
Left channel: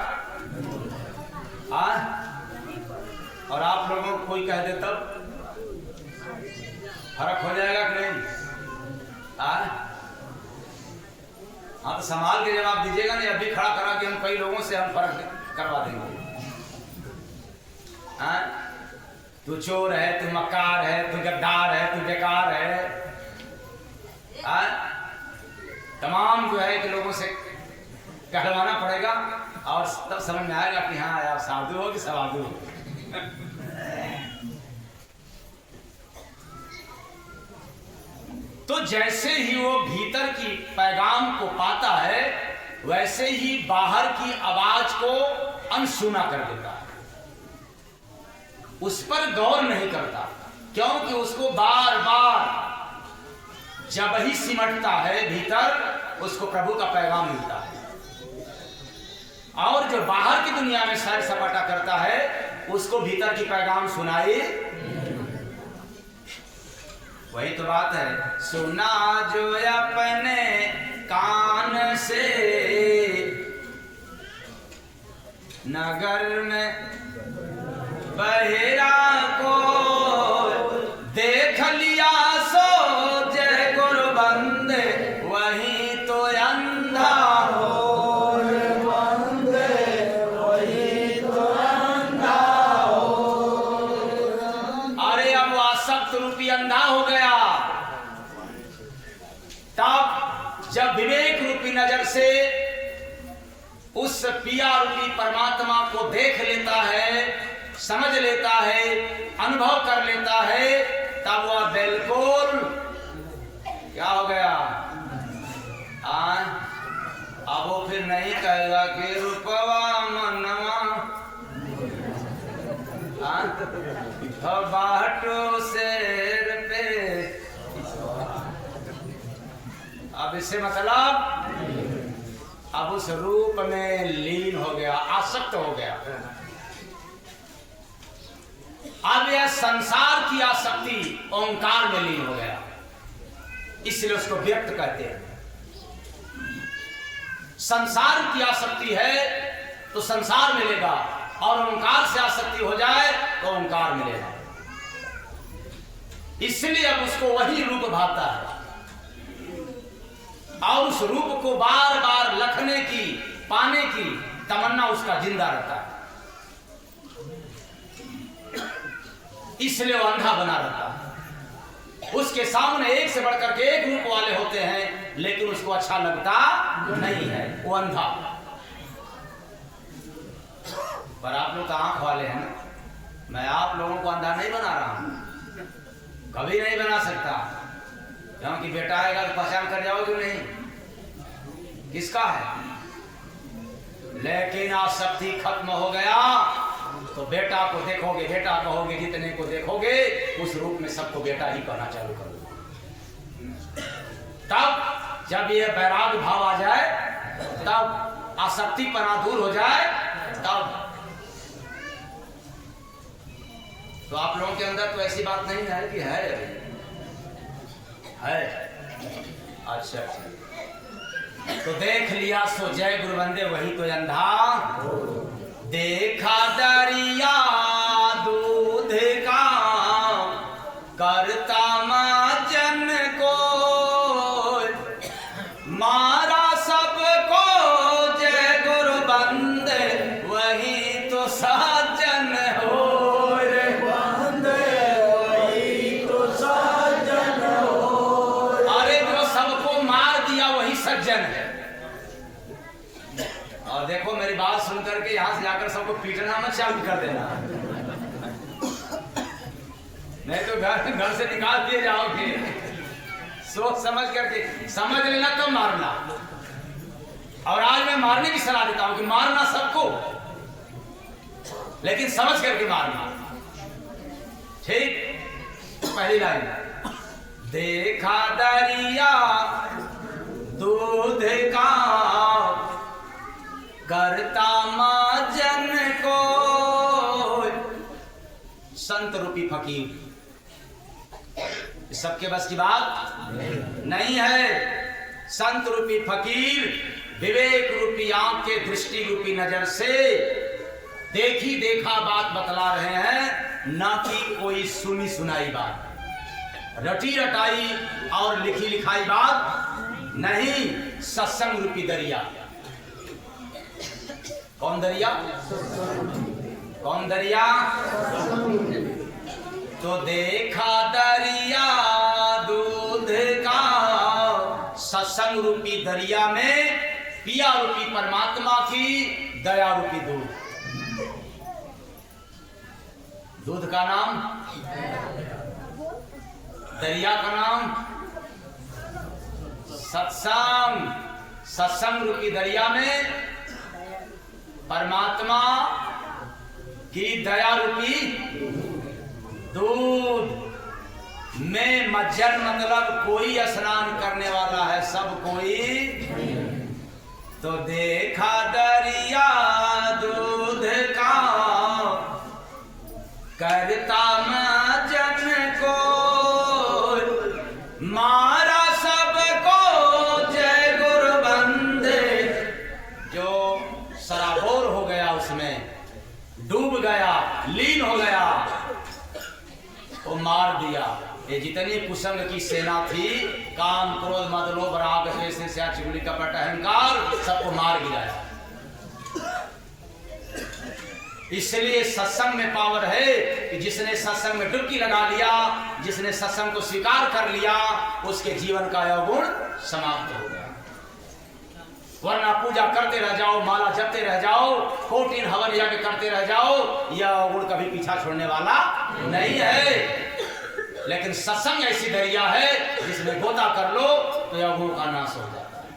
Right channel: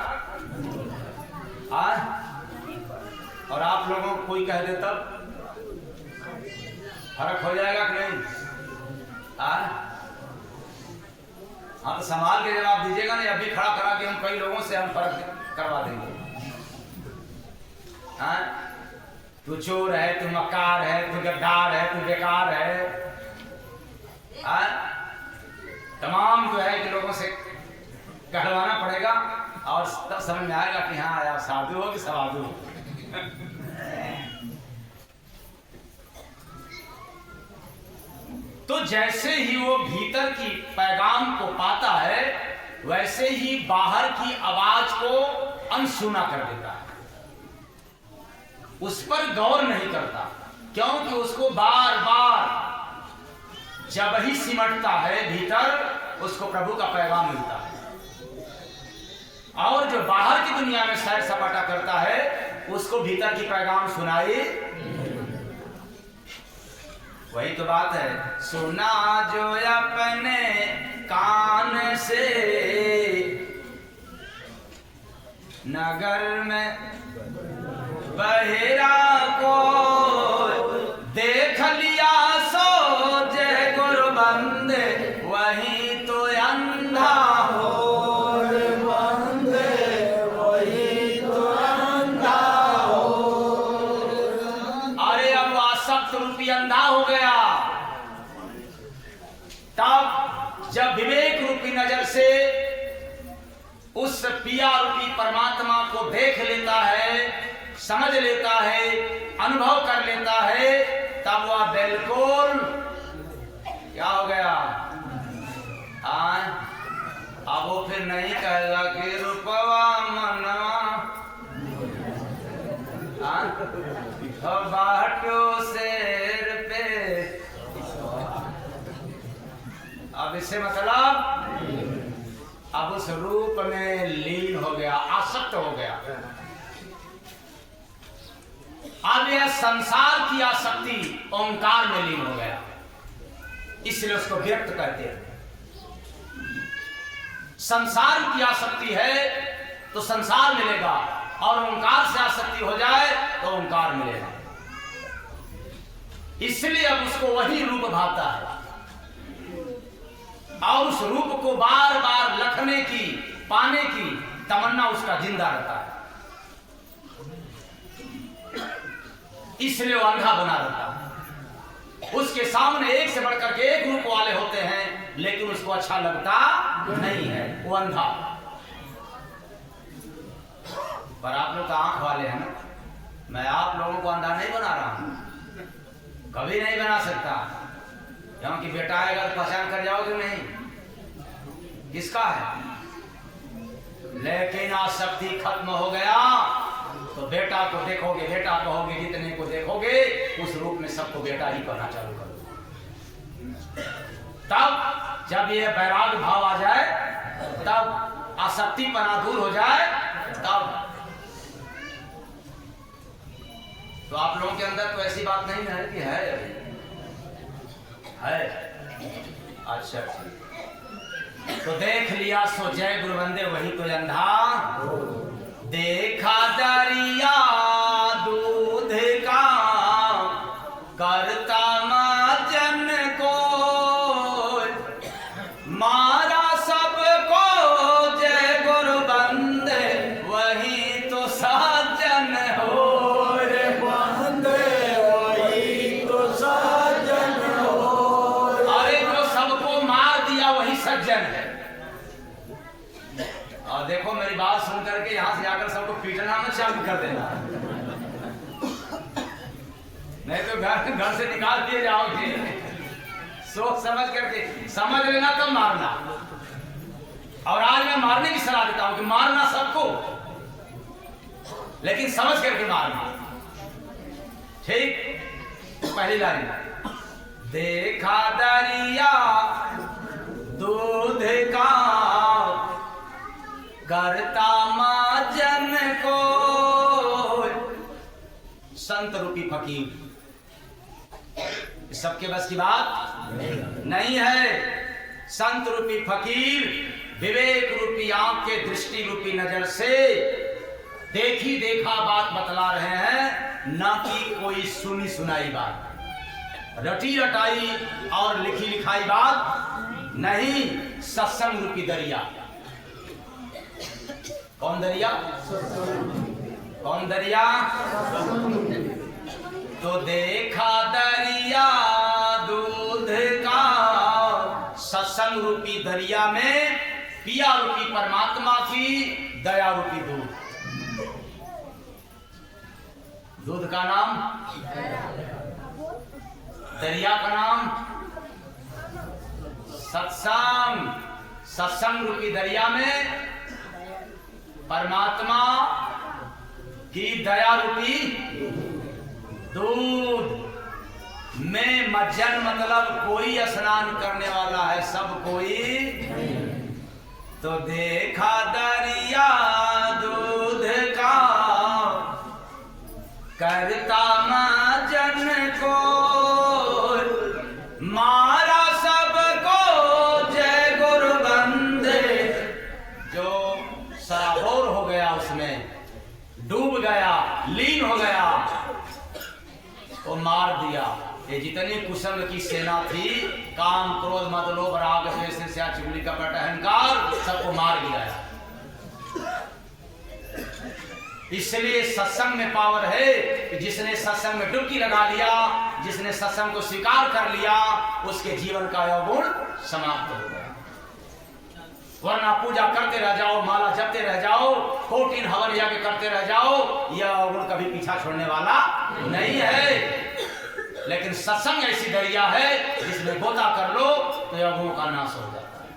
और आप लोगों को कोई कह दे तब फर्क हो जाएगा कि नहीं? हाँ, तो संभाल के जवाब दीजिएगा नहीं, अभी खड़ा करा के हम कई लोगों से हम फर्क करवा देंगे। तू चोर है, तू मक्कार है, तू गद्दार है, तू बेकार है, तमाम जो है कि लोगों से कहलवाना पड़ेगा और तब समझ में आएगा कि हाँ आप साधु हो कि सवाधु हो। तो जैसे ही वो भीतर की पैगाम को पाता है वैसे ही बाहर की आवाज को अनसुना कर देता है, उस पर गौर नहीं करता, क्योंकि उसको बार बार जब ही सिमटता है भीतर उसको प्रभु का पैगाम मिलता है। और जो बाहर की दुनिया में सैर सपाटा करता है उसको भीतर की पैगाम सुनाई। वही तो बात है, सुना जो अपने कान से नगर में बहेरा को, देख लिया सो जय गुरु बंदे वही तो अंधा हो, वही तो अंधा हो। अरे अब आसक्त रूपी अंधा हो गया। तब जब विवेक रूपी नजर से उस पिया रूपी परमात्मा को देख लेता है, समझ लेता है, अनुभव कर लेता है, तब वह बिल्कुल क्या हो गया, अब वो फिर नहीं कहेगा कि रूपवा मनवा बाटो शेर पे। अब इससे मतलब अब उस रूप में लीन हो गया, आसक्त हो गया। अब यह संसार की आसक्ति ओंकार में लीन हो गया, इसलिए उसको व्यक्त कहते हैं। संसार की आसक्ति है तो संसार मिलेगा, और ओंकार से आसक्ति हो जाए तो ओंकार मिलेगा। इसलिए अब उसको वही रूप भाता है, और उस रूप को बार बार लखने की, पाने की तमन्ना उसका जिंदा रहता है। इसलिए वो अंधा बना रहता है। उसके सामने एक से बढ़कर के एक रूप वाले होते हैं, लेकिन उसको अच्छा लगता नहीं है, वो अंधा। पर आप लोग तो आंख वाले हैं ना, मैं आप लोगों को अंधा नहीं बना रहा हूं, कभी नहीं बना सकता, क्योंकि बेटा आएगा तो पहचान कर जाओगे नहीं किसका है। लेकिन आसक्ति खत्म हो गया तो बेटा को देखोगे, बेटा कहोगे, जितने को देखोगे उस रूप में सबको बेटा ही कहना चालू करोगे। तब जब ये वैराग्य भाव आ जाए, तब आसक्तिपना दूर हो जाए, तब तो आप लोगों के अंदर तो ऐसी बात नहीं है कि है अभी है। अच्छा तो देख लिया सो जय गुरु बंदे वही तो अंधा। देखा दरिया दूध का करता माजन को, मारा सबको जय गुरु बंदे वही तो साजन हो रे बंदे वही तो साजन हो। अरे जो सबको मार दिया वही सज्जन है। और देखो मेरी बात सुन करके यहां से जाकर सबको पीटना मत चालू कर देना, नहीं तो घर से निकाल दिए जाओगे। सोच समझ करके समझ लेना तब मारना। और आज मैं मारने की सलाह देता हूं कि मारना सबको, लेकिन समझ करके मारना। ठीक, तो पहली लाइन देखा दरिया दूध का करता माजन को, संत रूपी फकीर सबके बस की बात नहीं है। संत रूपी फकीर विवेक रूपी आंख के दृष्टि रूपी नजर से देखी देखा बात बतला रहे हैं, ना कि कोई सुनी सुनाई बात, रटी रटाई और लिखी लिखाई बात नहीं। सत्संग रूपी दरिया। कौन दरिया? कौन दरिया? तो देखा दरिया दूध का, सत्संग रूपी दरिया में पिया रूपी परमात्मा की दया रूपी दूध। दूध का नाम, दरिया का नाम सत्संग। सत्संग रूपी दरिया में परमात्मा की दया रूपी दूध में मज्जन मतलब कोई स्नान करने वाला है, सब कोई। तो देखा दरिया दूध का करता मज्जन को, मारा सबको जय गुरु बंदे। जो सराबोर हो गया, उसमें डूब गया, लीन हो गया, वो मार दिया। ये जितनी कुसंग की सेना थी, काम क्रोध मद लोभ राग द्वेष ईर्ष्या चुगली कपट अहंकार, सबको मार गिराया। इसलिए सत्संग में पावर है कि जिसने सत्संग में डुबकी लगा लिया, जिसने सत्संग को स्वीकार कर लिया, उसके जीवन का अवगुण समाप्त हो गया। वरना पूजा करते रह जाओ, माला जपते रह जाओ, कोटिन हवन यज्ञ करते रह जाओ, यह अवगुण कभी पीछा छोड़ने वाला नहीं है। लेकिन सत्संग ऐसी दरिया है जिसमें गोता कर लो तो यह अवगुण का नाश हो जाता है।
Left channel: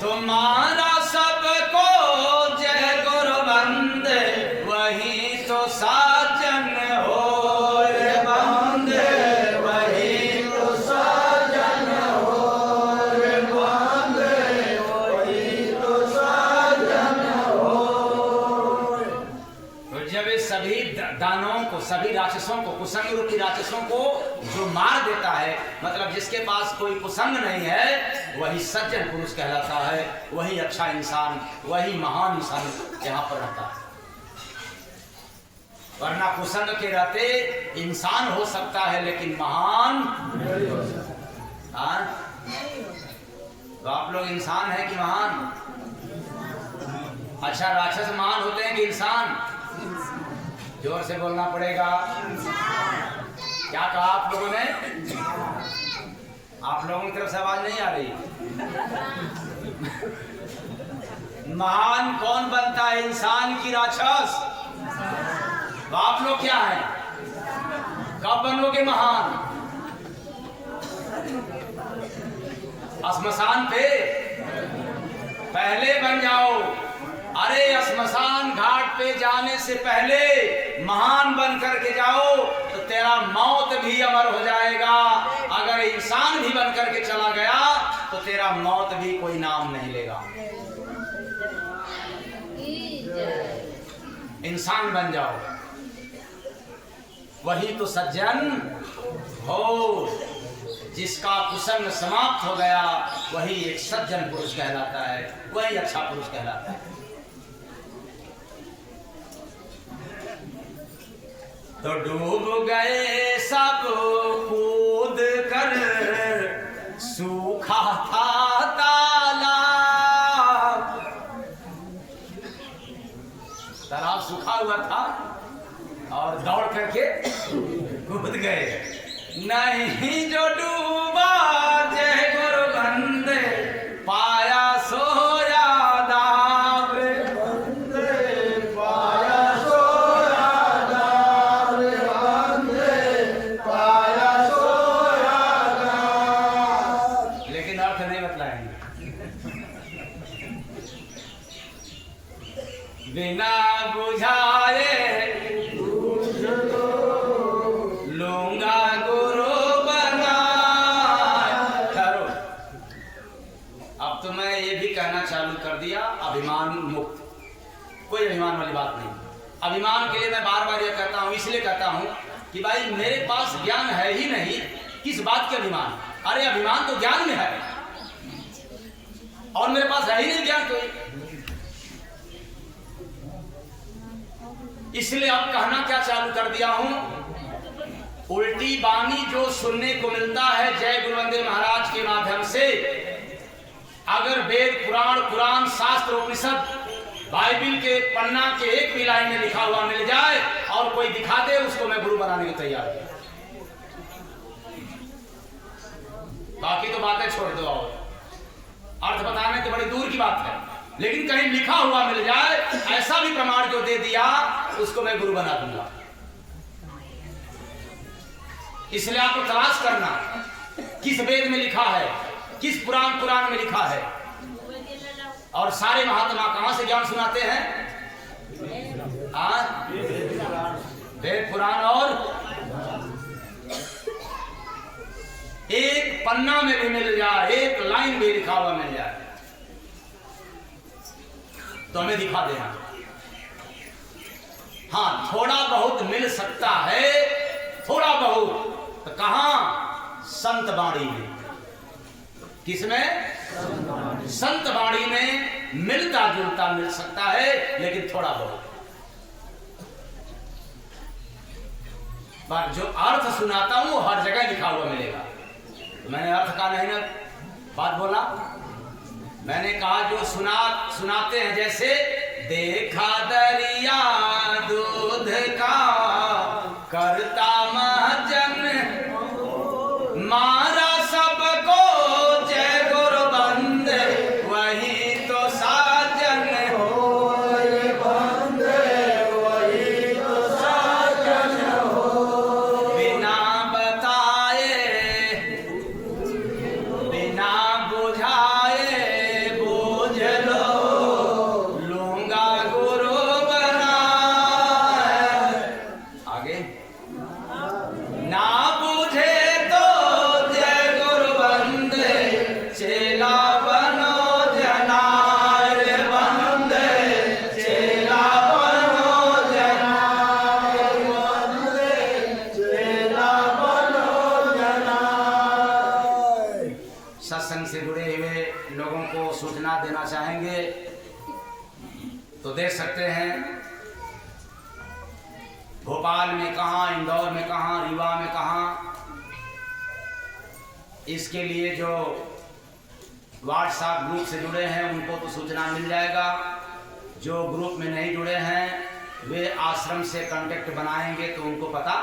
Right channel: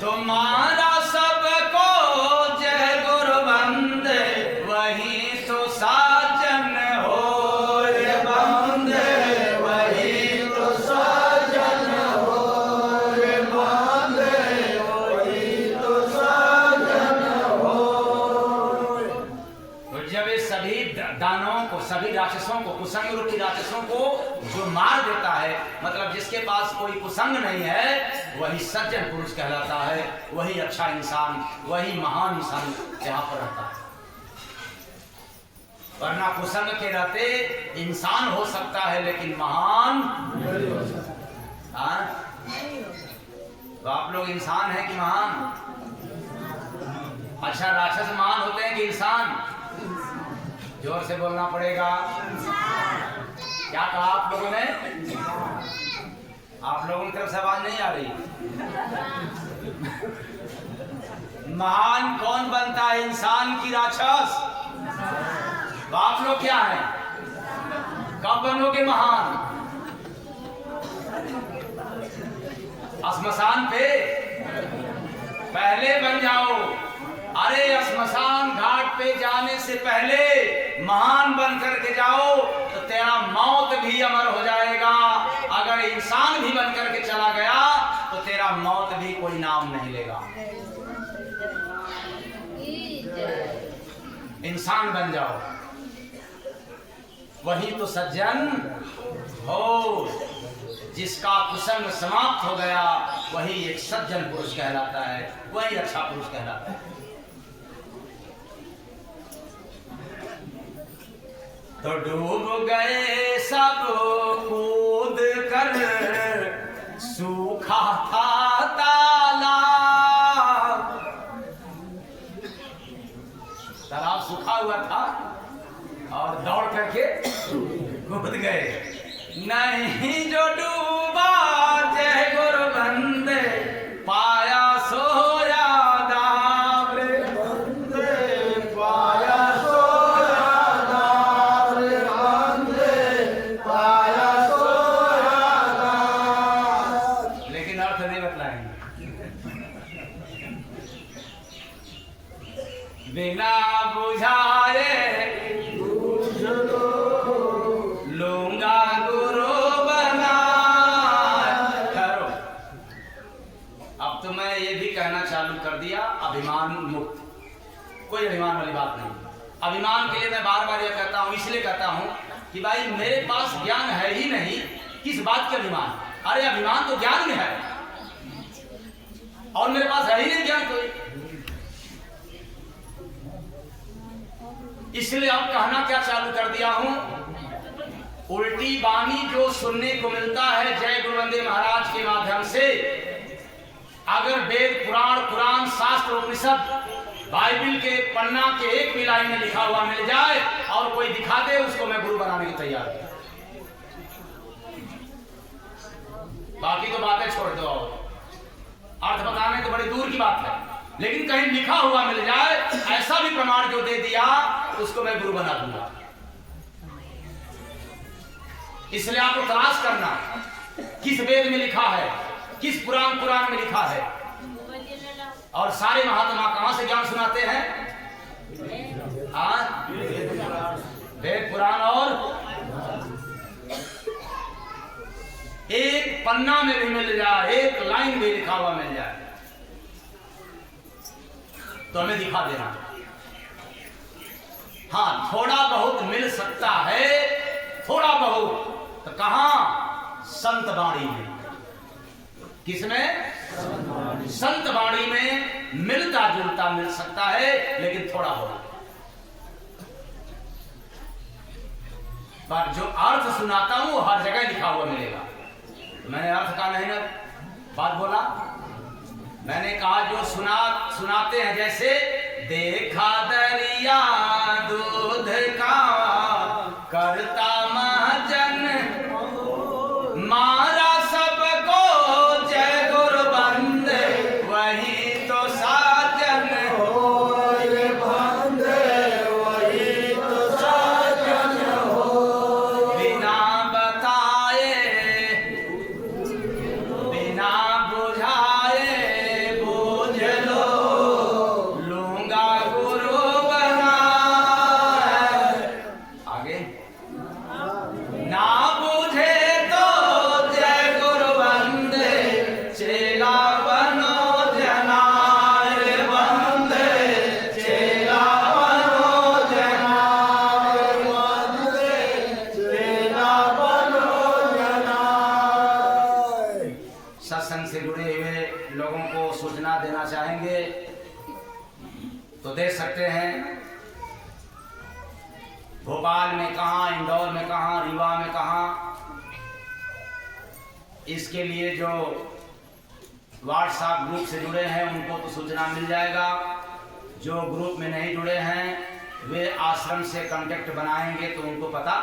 तुम्हारा सबको जय गुरु बंदे वही तो साजन हो रे बंदे, वही तो साजन हो रे बंदे, वही तो साजन हो। तो जब ये सभी दानवों को, सभी राक्षसों को, कुसंग रूपी राक्षसों को जो मार देता है, मतलब जिसके पास कोई कुसंग नहीं है, वही सज्जन पुरुष कहलाता है, वही अच्छा इंसान, वही महान इंसान यहाँ पर रहता है। वरना कुसंग के रहते इंसान हो सकता है लेकिन महान नहीं हो सकता। तो आप लोग इंसान है कि महान? अच्छा, राक्षस महान होते हैं कि इंसान? जोर से बोलना पड़ेगा। क्या कहा आप लोगों ने? आप लोगों की तरफ से आवाज नहीं आ रही। महान कौन बनता है, इंसान की राक्षस? आप लोग क्या है, कब बनोगे महान? श्मशान पे पहले बन जाओ। अरे श्मशान घाट पे जाने से पहले महान बन करके जाओ तो तेरा मौत भी अमर हो जाएगा। अगर इंसान भी बन करके चला गया तो तेरा मौत भी कोई नाम नहीं लेगा। इंसान बन जाओ, वही तो सज्जन हो। जिसका कुसंग समाप्त हो गया वही एक सज्जन पुरुष कहलाता है, वही अच्छा पुरुष कहलाता है। तो डूब गए सब कूद कर, सूखा था तालाब सूखा हुआ था और दौड़ करके कूद गए। नहीं जो डूबा जय गुरु बंदे, पाया सोया दार बंदे, पाया सोया दार बंदे, पाया सोया दार। लेकिन अर्थ नहीं बतलाएंगे। बिना बुझाए लूंगा गुरु बना। ठहरो, अब तो मैं ये भी कहना चालू कर दिया, अभिमान मुक्त। कोई अभिमान वाली बात नहीं। अभिमान के लिए मैं बार बार ये कहता हूं, इसलिए कहता हूं कि भाई मेरे पास ज्ञान है ही नहीं, किस बात के अभिमान। अरे अभिमान तो ज्ञान में है और मेरे पास है ही नहीं ज्ञान कोई। इसलिए अब कहना क्या चालू कर दिया हूं, उल्टी बानी जो सुनने को मिलता है जय गुरुवंदे महाराज के माध्यम से, अगर वेद पुराण कुरान शास्त्र उपनिषद बाइबिल के पन्ना के एक भी लाइन में लिखा हुआ मिल जाए और कोई दिखा दे, उसको मैं गुरु बनाने को तैयार हूं। बाकी तो बातें छोड़ दो, और अर्थ बताने तो बड़ी दूर की बात है, लेकिन कहीं लिखा हुआ मिल जाए, ऐसा भी प्रमाण जो दे दिया, उसको मैं गुरु बना दूंगा। इसलिए आपको तलाश करना किस वेद में लिखा है, किस पुराण में लिखा है। और सारे महात्मा कहां से ज्ञान सुनाते हैं? वेद पुराण। और एक पन्ना में भी मिल जाए, एक लाइन भी लिखा हुआ मिल जाए तो हमें दिखा देना। हाँ, थोड़ा बहुत मिल सकता है, थोड़ा बहुत। तो कहां? संत वाणी में। किसमें? संत वाणी में मिलता जुलता मिल सकता है, लेकिन थोड़ा बहुत। पर जो अर्थ सुनाता हूं वो हर जगह लिखा हुआ मिलेगा। तो मैंने अर्थ का नहीं ना बात बोला, मैंने कहा जो सुनाते हैं, जैसे देखा दरिया दूध का करता महाजन, मारा सबको जय गुरु बंदे, वही तो साजन हो बंदे, वही तो साजन हो। बिना बताए बिना बुझाए बोझ लो, लूंगा गुरु बना। आगे ना बुझे तो जय गुरु बंदे, चेला बनो जनार बंदे, चेला बनो जनार बंदे, चेला बनो जनार। सत्संग से जुड़े हुए लोगों को सूचना देना चाहेंगे तो दे सकते हैं। भोपाल में कहाँ, इंदौर में कहाँ, रीवा में कहाँ, इसके लिए जो व्हाट्सएप ग्रुप से जुड़े हैं उनको तो सूचना मिल जाएगा। जो ग्रुप में नहीं जुड़े हैं वे आश्रम से कांटेक्ट बनाएंगे तो उनको पता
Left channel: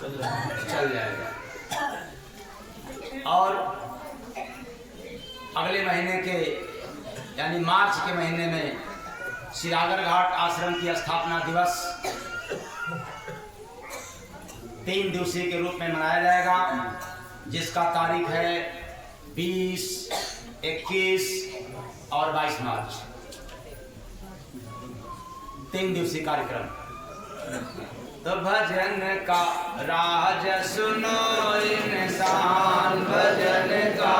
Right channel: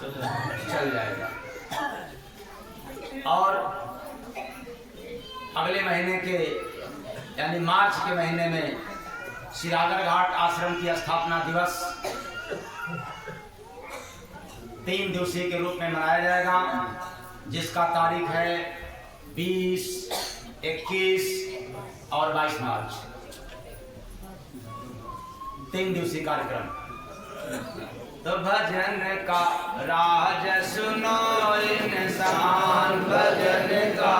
चल जाएगा। और अगले महीने के यानी मार्च के महीने में सिरागर घाट आश्रम की स्थापना दिवस 3 दिवसीय के रूप में मनाया जाएगा, जिसका तारीख है 20, 21 और 22 मार्च। 3 दिवसीय कार्यक्रम। तो भजन का राज सुनो इंसान, भजन का